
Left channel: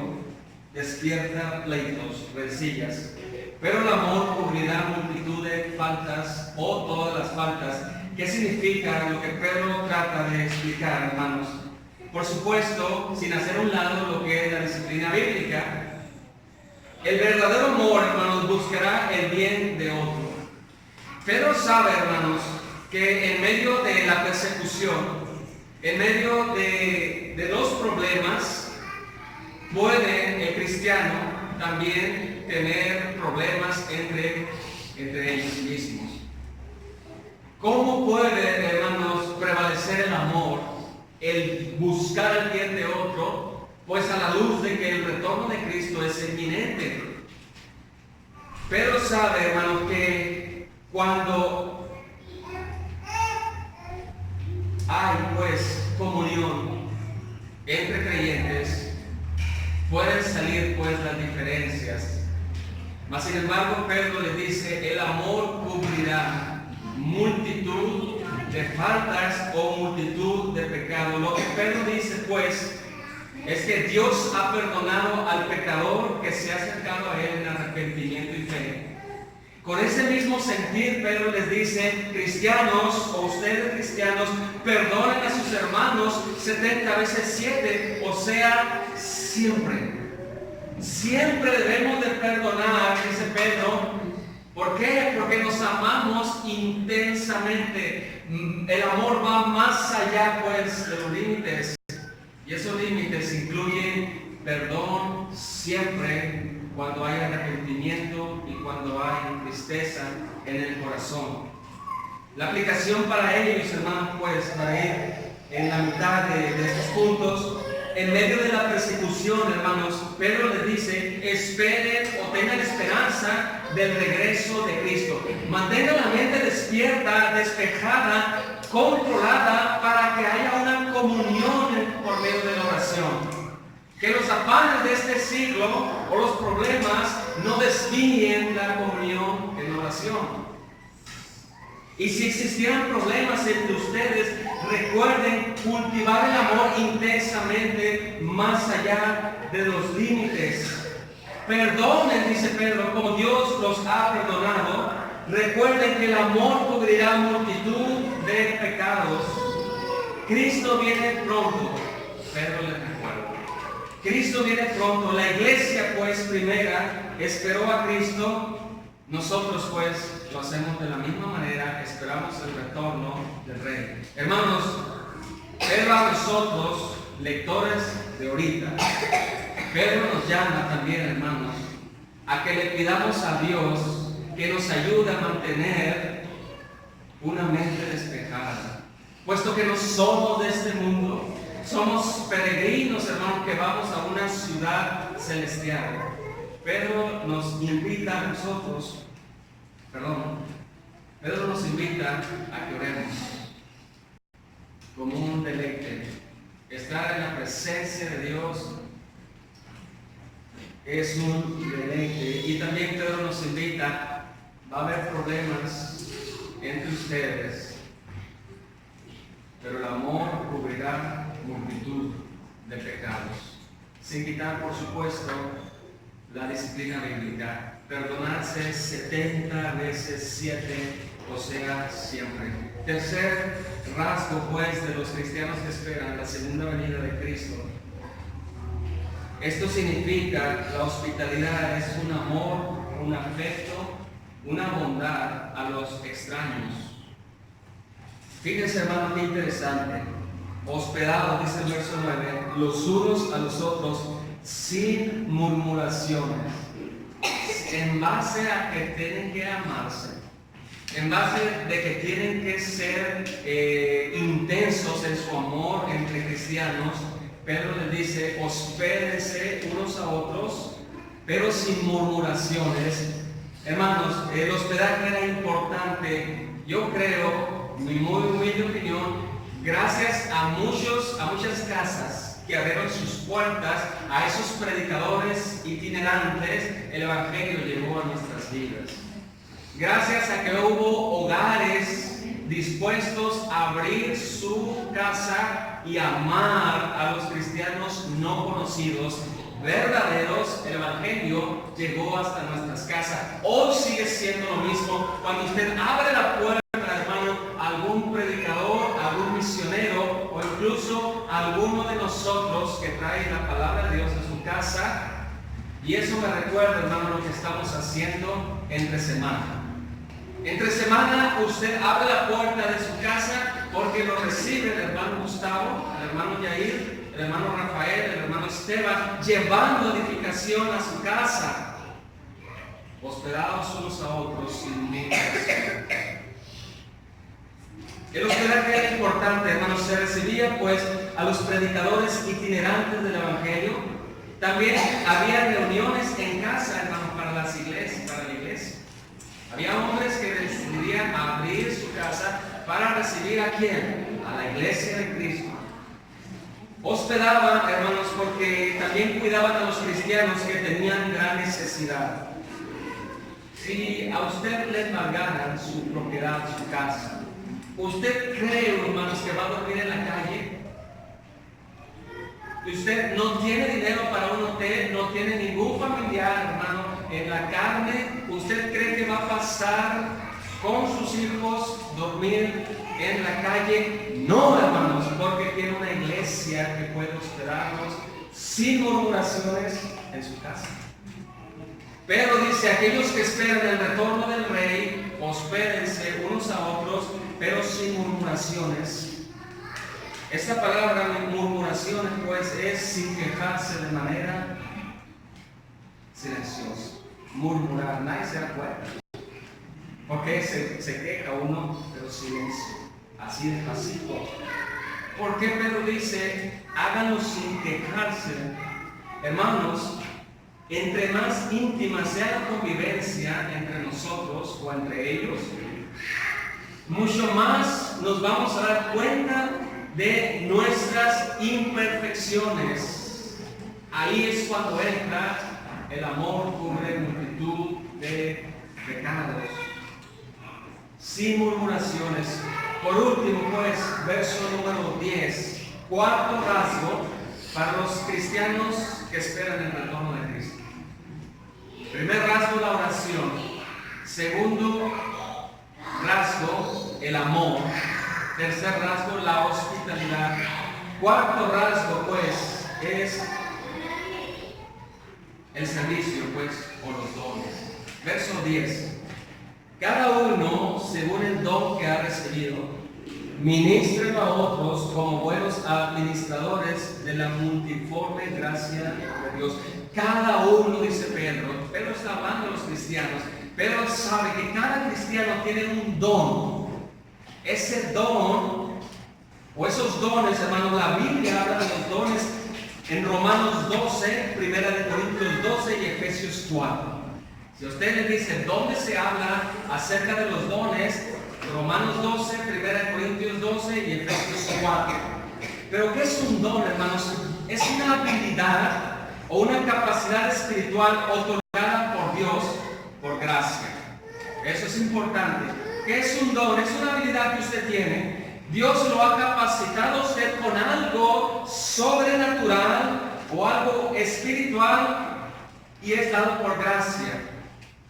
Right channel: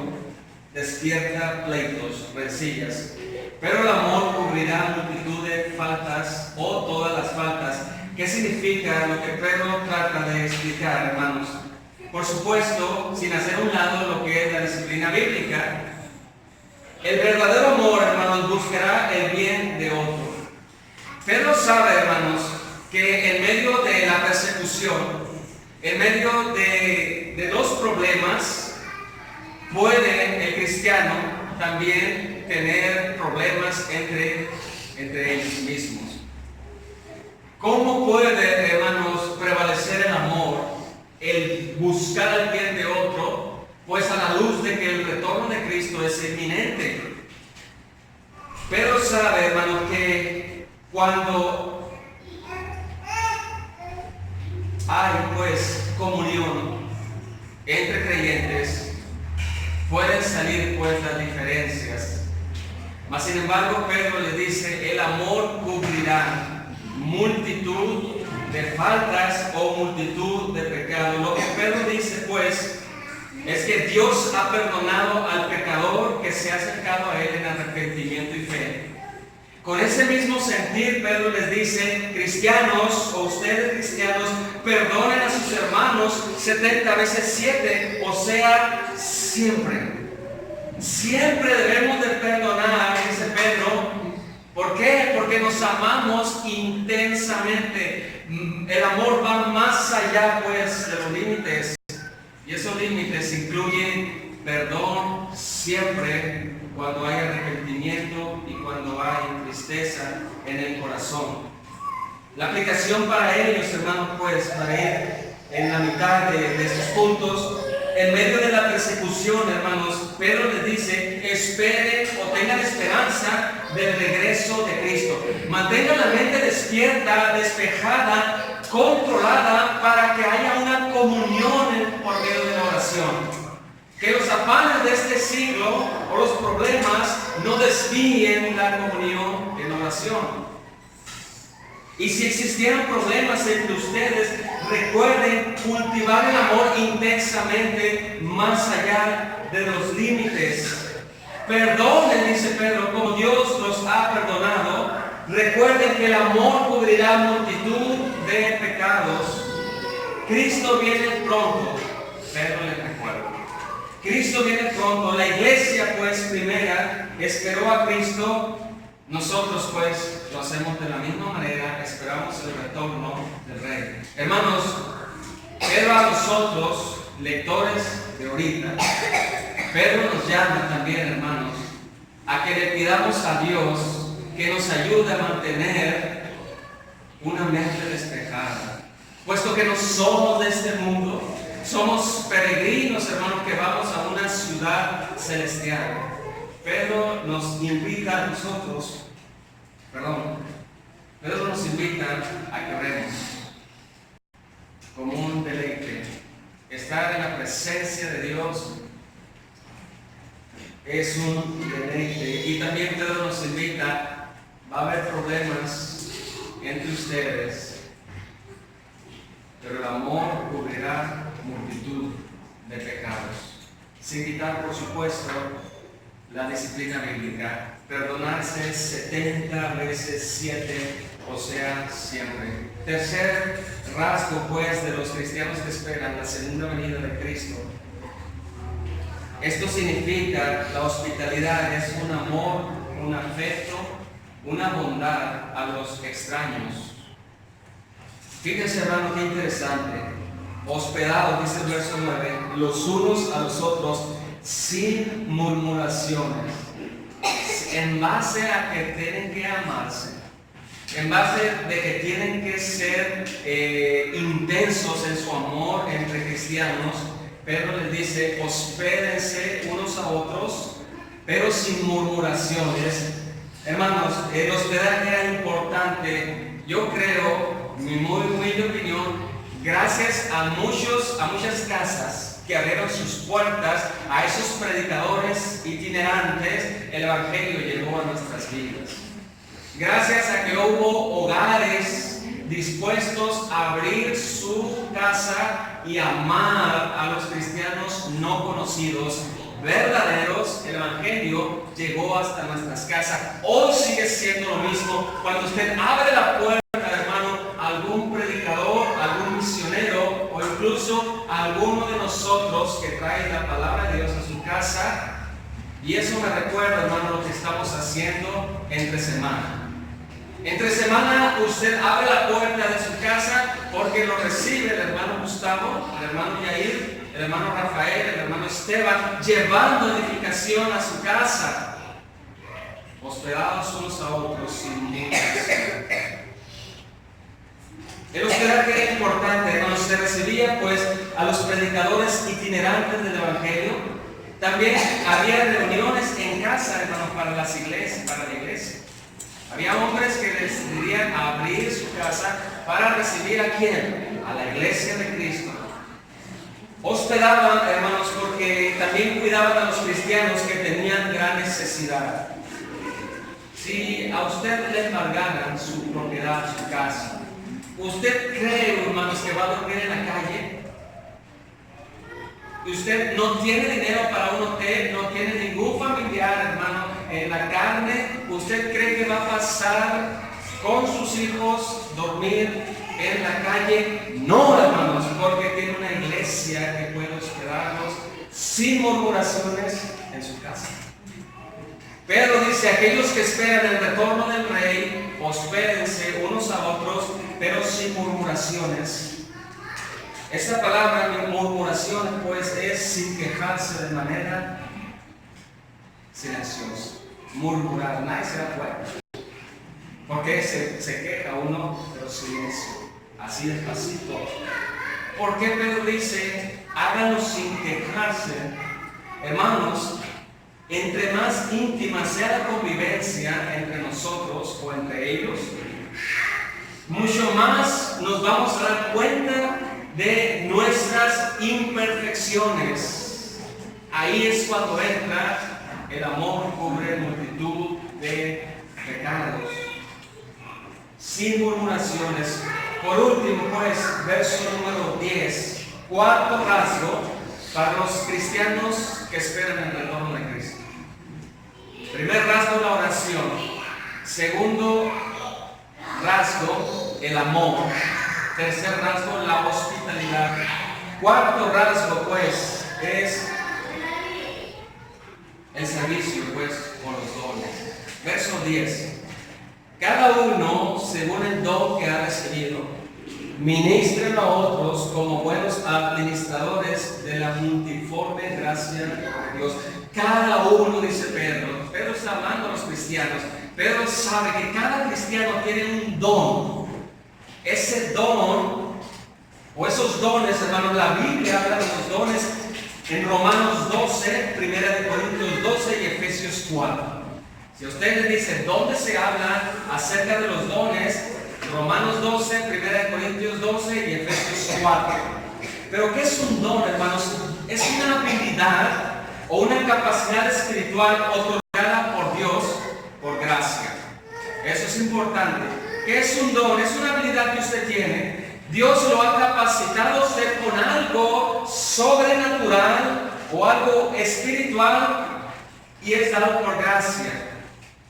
despierta pleitos, rencillas, pero el amor cubrirá multitud de faltas o todas las faltas. ¿Qué significa lo que Pedro trata de explicar, hermanos? Por supuesto, sin hacer a un lado lo que es la disciplina bíblica. El verdadero amor, hermanos, buscará el bien de otro. Pedro sabe, hermanos, que en medio de la persecución, en medio de los problemas, puede el cristiano también tener problemas entre ellos mismos. ¿Cómo puede, hermanos, prevalecer el amor, el buscar el bien de otro? Pues a la luz de que el retorno de Cristo es inminente. Pero sabe, hermano, que cuando hay pues comunión entre creyentes, pueden salir pues las diferencias. Mas sin embargo, Pedro les dice, el amor cubrirá multitud de faltas o multitud de pecados. Lo que Pedro dice pues es que Dios ha perdonado al pecador que se ha acercado a Él en arrepentimiento y fe. Con ese mismo sentir, Pedro les dice, cristianos o ustedes cristianos, perdonen a sus hermanos 70 veces 7, o sea, siempre. Siempre debemos de perdonar, dice Pedro. ¿Por qué? Porque nos amamos intensamente. El amor va más allá pues de los límites. Y esos límites incluyen perdón siempre cuando hay arrepentimiento y cuando hay tristeza en el corazón. La aplicación para ellos, hermanos, pues para ir en la mitad de estos puntos, en medio de la persecución, hermanos, Pedro les dice, esperen o tengan esperanza del regreso de Cristo. Mantengan la mente despierta, despejada, controlada, para que haya una comunión por medio de la oración. Que los afanes de este siglo o los problemas no desvíen la comunión en oración. Y si existieran problemas entre ustedes, recuerden cultivar el amor intensamente más allá de los límites. Perdonen, dice Pedro, como Dios los ha perdonado. Recuerden que el amor cubrirá multitud de pecados. Cristo viene pronto. Pedro les recuerda. Cristo viene pronto. La iglesia, pues, primera, esperó a Cristo. Nosotros, pues, lo hacemos de la misma manera. Esperamos el retorno del Rey. Hermanos, Pedro a nosotros, lectores de ahorita, Pedro nos llama también, hermanos, a que le pidamos a Dios que nos ayude a mantener una mente despejada. Puesto que no somos de este mundo, somos peregrinos, hermanos, que vamos a una ciudad celestial. Pedro nos invita a nosotros, Pedro nos invita a que oremos como un deleite. Estar en la presencia de Dios es un deleite. Y también Pedro nos invita, va a haber problemas entre ustedes, pero el amor cubrirá multitud de pecados. Sin quitar, por supuesto, la disciplina bíblica. Perdonarse 70 veces 7, o sea, siempre. Tercer rasgo, pues, de los cristianos que esperan la segunda venida de Cristo. Esto significa, la hospitalidad es un amor, un afecto, una bondad a los extraños. Fíjense, hermano, qué interesante. Hospedados, dice el verso 9, los unos a los otros, sin murmuraciones, en base a que tienen que amarse, en base de que tienen que ser intensos en su amor entre cristianos. Pedro les dice, hospédense unos a otros, pero sin murmuraciones. Hermanos, el hospedaje era importante. Yo creo, mi muy humilde opinión, gracias a muchas casas que abrieron sus puertas a esos predicadores itinerantes, el Evangelio llegó a nuestras vidas. Gracias a que hubo hogares dispuestos a abrir su casa y amar a los cristianos no conocidos, verdaderos, el Evangelio llegó hasta nuestras casas. Hoy sigue siendo lo mismo. Cuando usted abre la puerta, hermano, a algún predicador, a algún misionero o incluso a alguno de nosotros que trae la palabra de Dios a su casa, y eso me recuerda, hermano, lo que estamos haciendo entre semana. Entre semana usted abre la puerta de su casa porque lo recibe el hermano Gustavo, el hermano Yair, el hermano Rafael, el hermano Esteban, llevando edificación a su casa, hospedados unos a otros sin murmuración. El hospedaje era importante, hermanos. Se recibía, pues, a los predicadores itinerantes del Evangelio. También había reuniones en casa, hermanos, para la iglesia. Había hombres que decidían abrir su casa para recibir ¿a quién? A la iglesia de Cristo. Hospedaban, hermanos, porque también cuidaban a los cristianos que tenían gran necesidad. Si a usted le embargaran su propiedad, su casa, ¿usted cree, hermanos, que va a dormir en la calle? Usted no tiene dinero para un hotel, no tiene ningún familiar, hermano, en la carne. ¿Usted cree que va a pasar con sus hijos dormir en la calle? No, hermanos, porque tiene una iglesia que puede hospedarlos sin murmuraciones en su casa. Pedro dice, aquellos que esperan el retorno del Rey, hospédense unos a otros, pero sin murmuraciones. Esta palabra murmuraciones, pues, es sin quejarse de manera silenciosa. Murmurar, nadie se da cuenta. Porque se queja uno, pero silencio, así despacito. ¿Por qué Pedro dice, háganlo sin quejarse? Hermanos, entre más íntima sea la convivencia entre nosotros o entre ellos, mucho más nos vamos a dar cuenta de nuestras imperfecciones. Ahí es cuando entra el amor, cubre multitud de pecados. Sin murmuraciones. Por último, pues, verso número 10, cuarto rasgo para los cristianos que esperan el retorno de Cristo. Primer rasgo, la oración. Segundo rasgo, el amor. Tercer rasgo, la hospitalidad. Cuarto rasgo, pues, es el servicio, pues, o los dones. Verso 10. Cada uno, según el don que ha recibido, ministren a otros como buenos administradores de la multiforme gracia de Dios. Cada uno, dice Pedro. Pedro está hablando a los cristianos. Pedro sabe que cada cristiano tiene un don. Ese don, o esos dones, hermanos, la Biblia habla de los dones en Romanos 12, 1 Corintios 12 y Efesios 4. Si usted le dice dónde se habla acerca de los dones, Romanos 12, 1 Corintios 12 y Efesios 4. Pero ¿qué es un don, hermanos? Es una habilidad o una capacidad espiritual otorgada por Dios por gracia. Eso es importante. ¿Qué es un don? Es una habilidad que usted tiene. Dios lo ha capacitado a usted con algo sobrenatural o algo espiritual y es dado por gracia.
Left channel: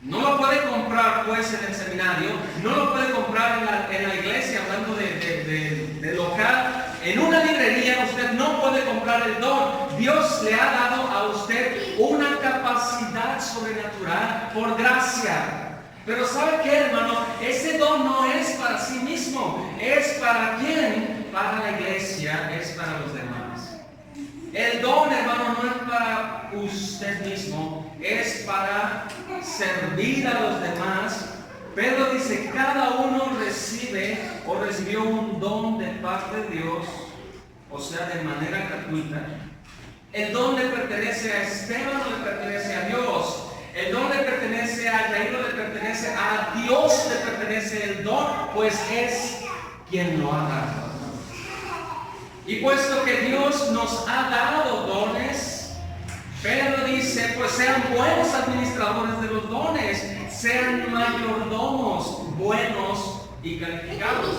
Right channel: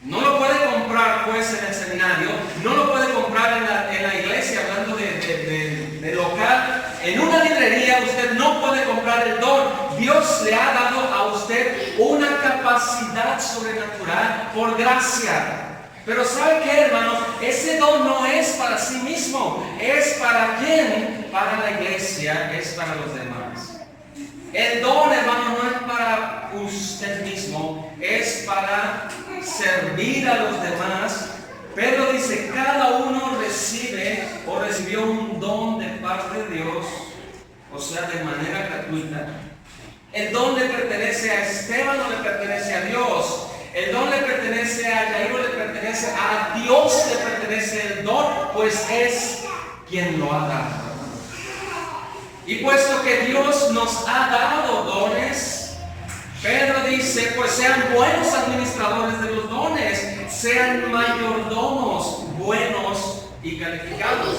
No lo puede comprar pues en el seminario, no lo puede comprar en la iglesia, hablando de local. En una librería usted no puede comprar el don. Dios le ha dado a usted una capacidad sobrenatural por gracia. Pero ¿sabe qué, hermano? Ese don no es para sí mismo. ¿Es para quién? Para la iglesia, es para los demás. El don, hermano, no es para usted mismo, es para servir a los demás. Pedro dice, cada uno recibe o recibió un don de parte de Dios, o sea, de manera gratuita. El don le pertenece a Esteban o le pertenece a Dios. El don le pertenece a Jairo, le pertenece a Dios, le pertenece el don, pues es quien lo ha dado. Y puesto que Dios nos ha dado dones, Pedro dice, pues sean buenos administradores de los dones, sean mayordomos buenos y calificados.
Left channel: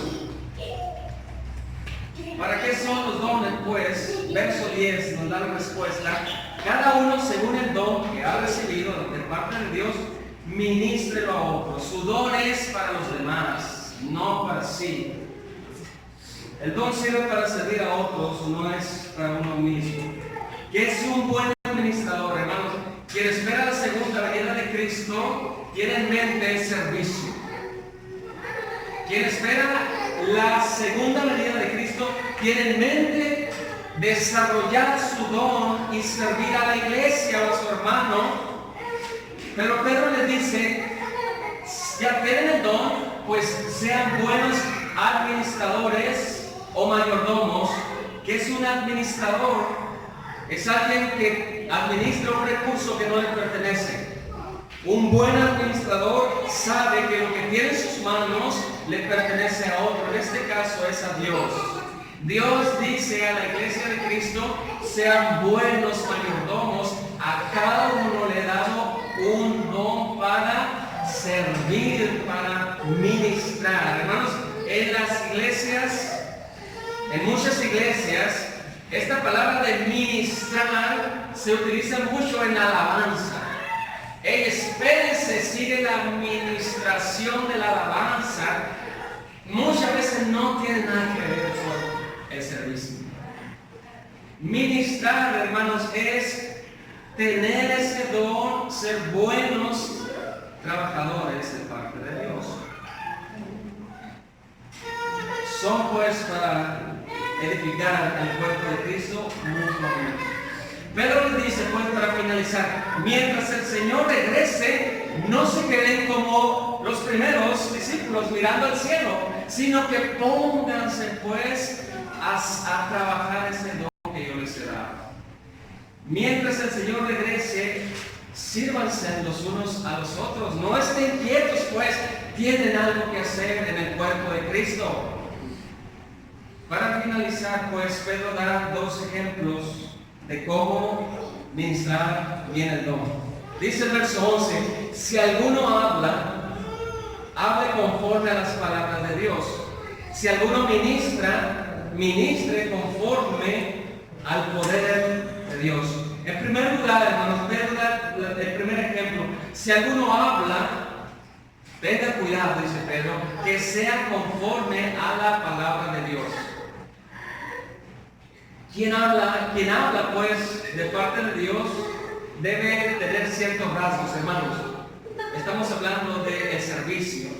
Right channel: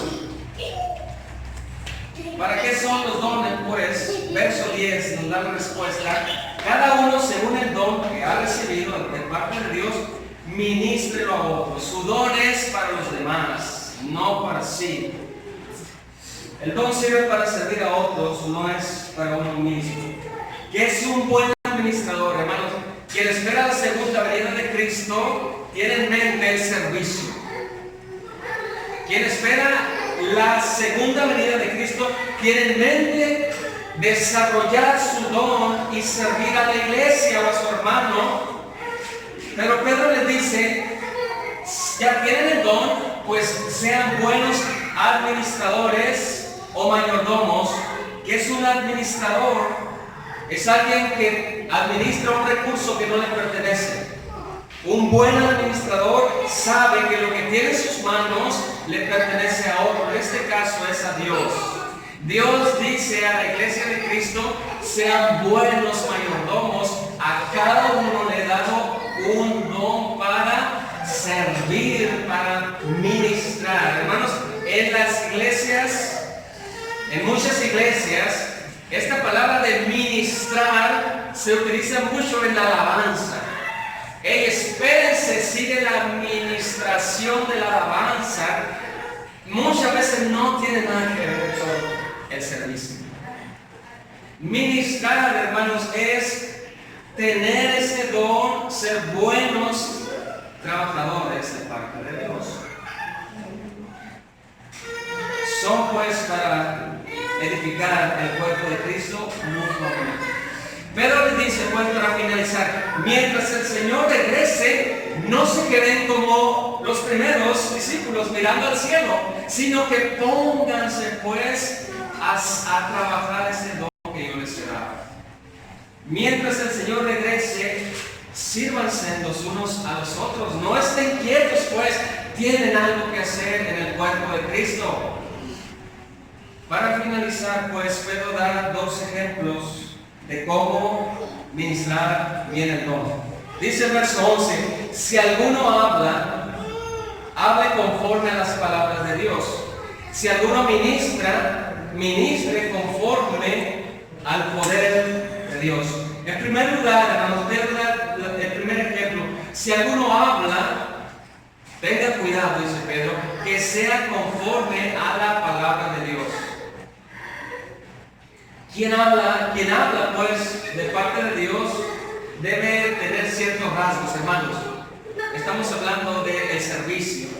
¿Para qué son los dones? Pues, verso 10 nos da la respuesta. Cada uno según el don que ha recibido de parte de Dios, ministrelo a otros. Su don es para los demás, no para sí. El don sirve para servir a otros, no es para uno mismo. ¿Qué es un buen administrador, hermanos? Quien espera la segunda venida de Cristo tiene en mente el servicio. Quien espera la segunda venida de Cristo tiene en mente desarrollar su don y servir a la iglesia o a su hermano. Pero Pedro les dice, ya tienen el don, pues sean buenos administradores o mayordomos. ¿Qué es un administrador? Es alguien que administra un recurso que no le pertenece. Un buen administrador sabe que lo que tiene en sus manos le pertenece a otro. En este caso es a Dios. Dios dice a la iglesia de Cristo, sean buenos mayordomos. A cada uno le he dado un don para servir, para ministrar. Hermanos, en las iglesias, en muchas iglesias, esta palabra de ministrar se utiliza mucho en la alabanza. Espérense, sigue la administración de la alabanza. Muchas veces no tiene nada que ver con el servicio. Ministrar, hermanos, es tener ese don, ser buenos trabajadores de parte de Dios. Son pues para edificar el cuerpo de Cristo mutuamente. Pedro les dice, pues, para finalizar, mientras el Señor regrese, no se queden como los primeros discípulos mirando al cielo, sino que pónganse pues a trabajar ese don que yo les he dado. Mientras el Señor regrese, sírvanse los unos a los otros. No estén quietos, pues, tienen algo que hacer en el cuerpo de Cristo. Para finalizar, pues, Pedro da dos ejemplos de cómo ministrar bien el don. Dice el verso 11, si alguno habla, hable conforme a las palabras de Dios. Si alguno ministra, ministre conforme al poder de Dios. En primer lugar, hermanos, Pedro da el primer ejemplo. Si alguno habla, tenga cuidado, dice Pedro, que sea conforme a la palabra de Dios. Quien habla pues de parte de Dios debe tener ciertos rasgos, hermanos. Estamos hablando del servicio.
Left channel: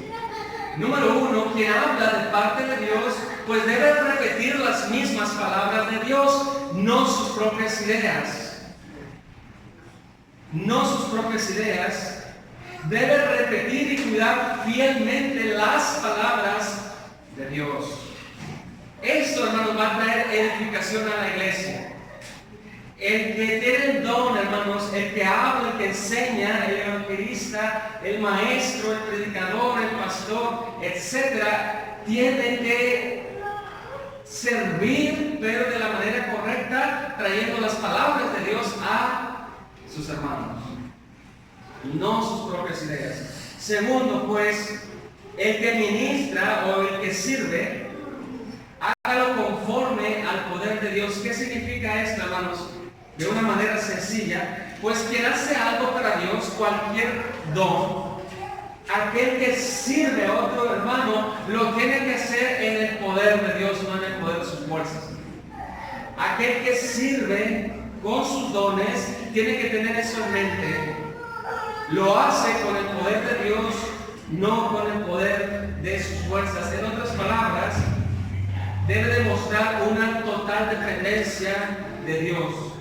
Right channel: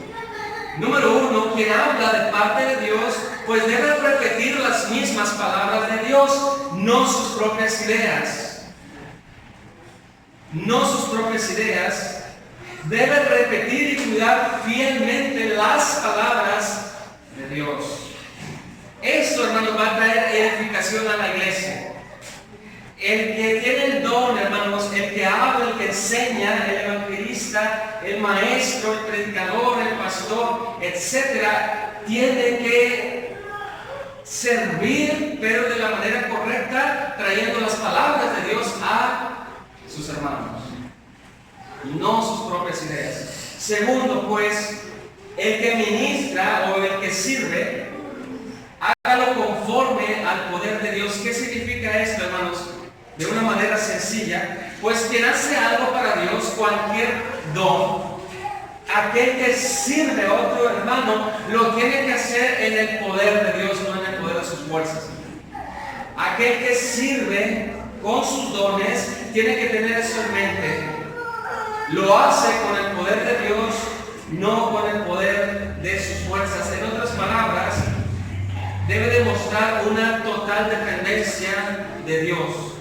Número uno, quien habla de parte de Dios, pues debe repetir las mismas palabras de Dios, no sus propias ideas. No sus propias ideas. Debe repetir y cuidar fielmente las palabras de Dios. Esto, hermanos, va a traer edificación a la iglesia. El que tiene el don, hermanos, el que habla, el que enseña, el evangelista, el maestro, el predicador, el pastor, etcétera, tiene que servir, pero de la manera correcta, trayendo las palabras de Dios a sus hermanos, no sus propias ideas. Segundo, pues, el que ministra o el que sirve, hágalo conforme al poder de Dios. ¿Qué significa esto, hermanos? De una manera sencilla, pues quien hace algo para Dios, cualquier don, aquel que sirve a otro hermano, lo tiene que hacer en el poder de Dios, no en el poder de sus fuerzas. Aquel que sirve con sus dones, tiene que tener eso en mente. Lo hace con el poder de Dios, no con el poder de sus fuerzas. En otras palabras, debe demostrar una total dependencia de Dios.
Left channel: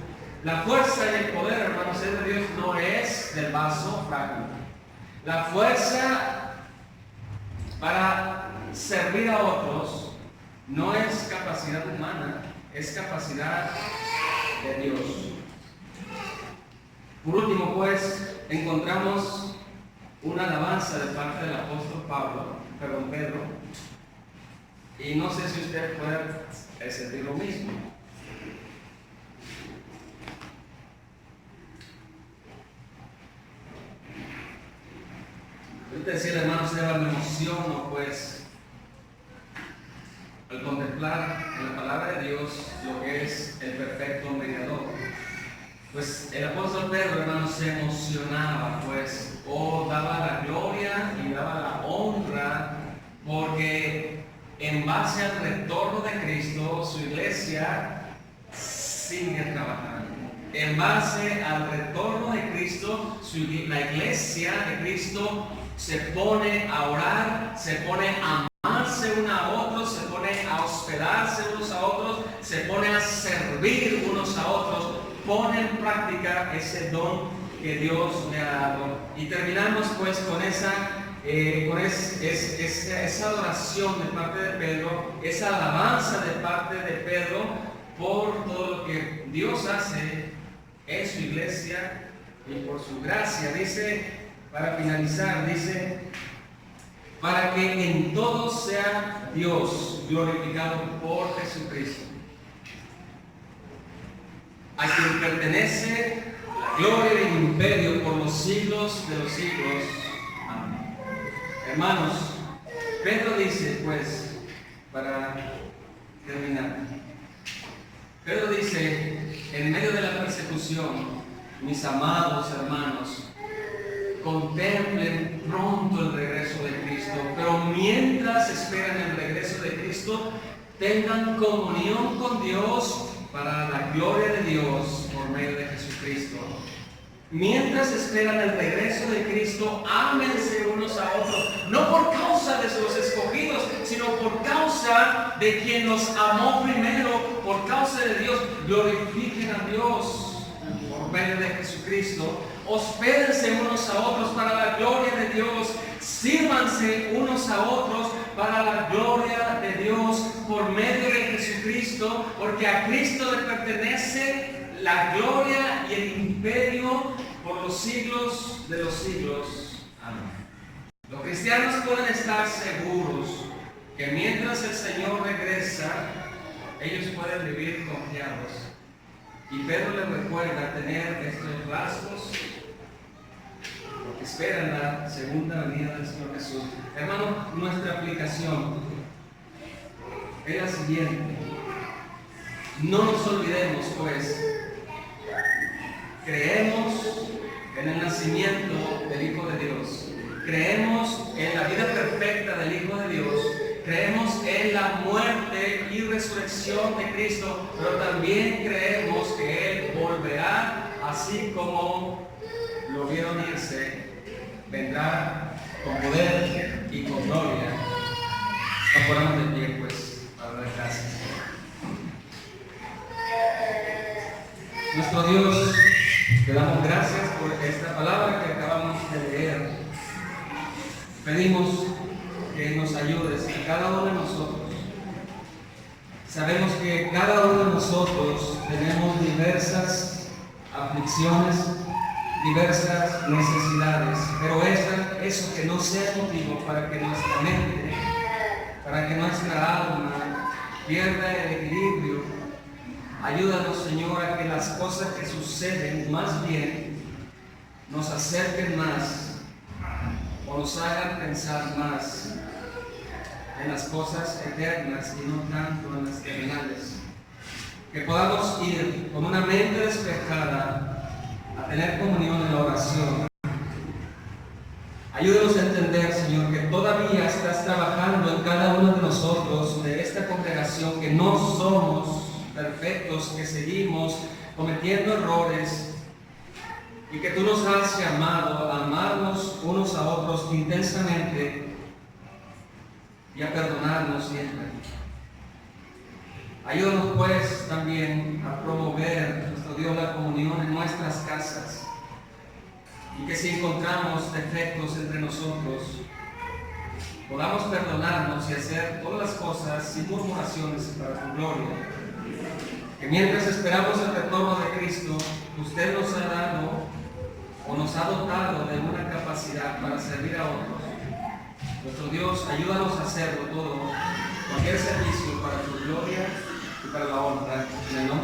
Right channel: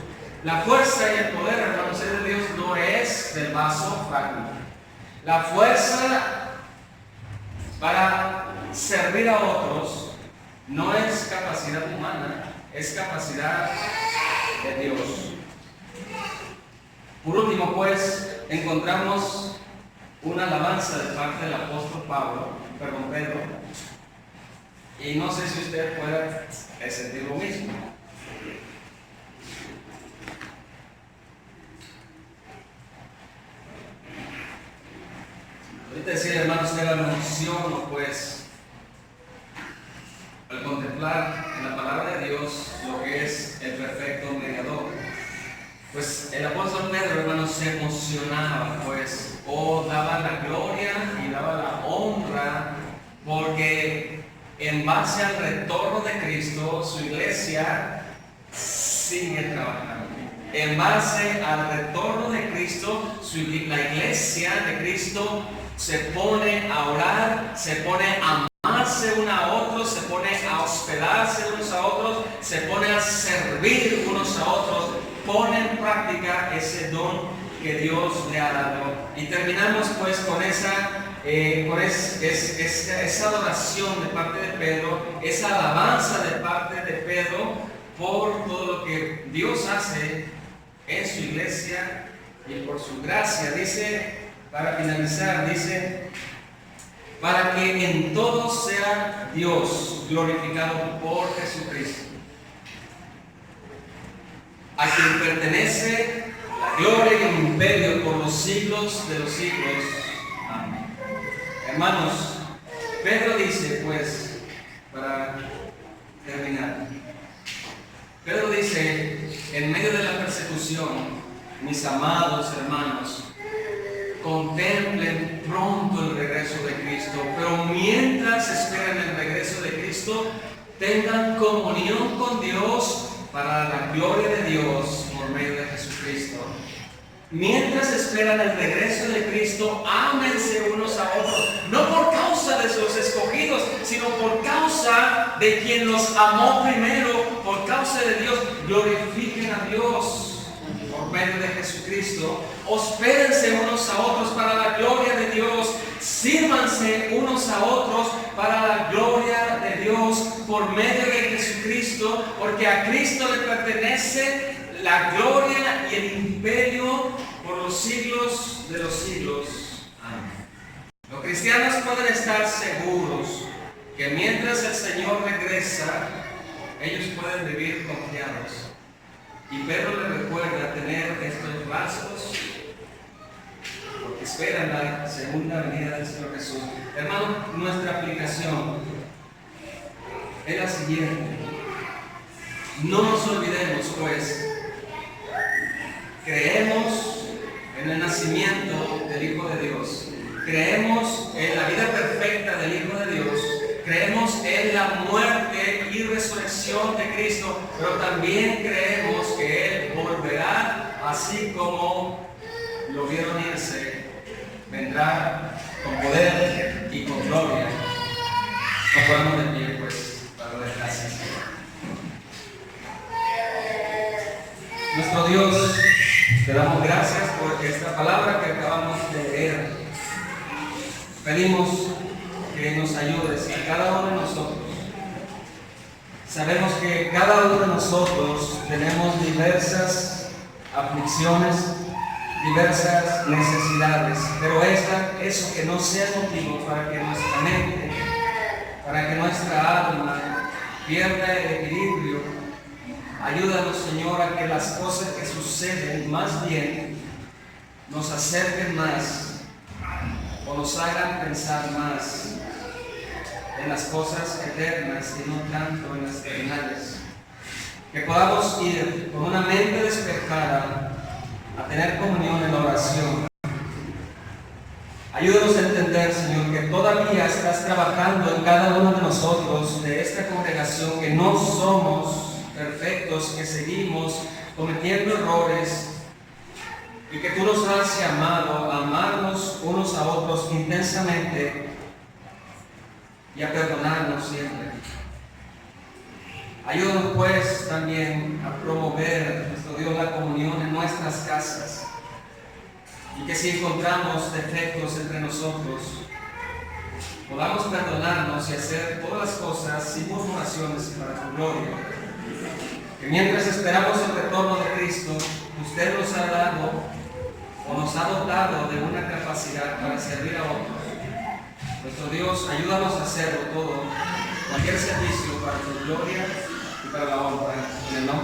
La fuerza y el poder, hermanos, es de Dios, no es del vaso frágil. La fuerza para servir a otros no es capacidad humana, es capacidad de Dios. Por último, pues, encontramos una alabanza de parte del apóstol Pedro, y no sé si usted puede sentir lo mismo. Ahorita decía el hermano Esteban, me emociono pues al contemplar en la palabra de Dios lo que es el perfecto mediador. Pues el apóstol Pedro, hermanos, se emocionaba, pues, daba la gloria y daba la honra, porque en base al retorno de Cristo, su iglesia sigue trabajando. En base al retorno de Cristo, la iglesia de Cristo se pone a orar, se pone a amarse unos a otros, se pone a hospedarse unos a otros, se pone a servir unos a otros, pone en práctica ese don que Dios le ha dado. Y terminamos pues con esa adoración de parte de Pedro, esa alabanza de parte de Pedro por todo lo que Dios hace en su iglesia y por su gracia. Dice, para finalizar, dice, para que en todo sea Dios glorificado por Jesucristo, a quien pertenece la gloria y el imperio por los siglos de los siglos. Amén. Hermanos, Pedro dice, pues, para terminar, Pedro dice, en medio de la persecución, mis amados hermanos, contemplen pronto el regreso de Cristo, pero mientras esperan el regreso de Cristo, tengan comunión con Dios para la gloria de Dios por medio de Jesucristo. Mientras esperan el regreso de Cristo, ámense unos a otros, no por causa de sus escogidos, sino por causa de quien los amó primero, por causa de Dios. Glorifiquen a Dios por medio de Jesucristo. Hospédense unos a otros para la gloria de Dios. Sírvanse unos a otros para la gloria de Dios por medio de Jesucristo, porque a Cristo le pertenece la gloria y el imperio por los siglos de los siglos. Amén. Los cristianos pueden estar seguros que mientras el Señor regresa, ellos pueden vivir confiados. Y Pedro les recuerda tener estos rasgos porque esperan la segunda venida del Señor Jesús. Hermanos, nuestra aplicación es la siguiente. No nos olvidemos, pues, creemos en el nacimiento del Hijo de Dios, creemos en la vida perfecta del Hijo de Dios, creemos en la muerte y resurrección de Cristo, pero también creemos que Él volverá, así como lo vieron irse, vendrá con poder y con gloria. Nos ponemos de pie, pues, para dar gracias. Nuestro Dios, te damos gracias por esta palabra que acabamos de leer. Pedimos que nos ayudes a cada uno de nosotros. Sabemos que cada uno de nosotros tenemos diversas aflicciones, diversas necesidades, pero eso que no sea motivo para que nuestra mente, para que nuestra alma pierda el equilibrio. Ayúdanos, Señor, a que las cosas que suceden más bien nos acerquen más o nos hagan pensar más en las cosas eternas y no tanto en las terrenales. Que podamos ir con una mente despejada a tener comunión en la oración. Ayúdanos a entender, Señor, que todavía estás trabajando en cada uno de nosotros, de esta congregación, que no somos perfectos, que seguimos cometiendo errores y que tú nos has llamado a amarnos unos a otros intensamente y a perdonarnos siempre. Ayúdanos pues también a promover, nuestro Dios, la comunión en nuestras casas, y que si encontramos defectos entre nosotros podamos perdonarnos y hacer todas las cosas sin murmuraciones para tu gloria. Que mientras esperamos el retorno de Cristo, usted nos ha dado o nos ha dotado de una capacidad para servir a otros. Nuestro Dios, ayúdanos a hacerlo todo, cualquier servicio para tu gloria y para la honra. En el nombre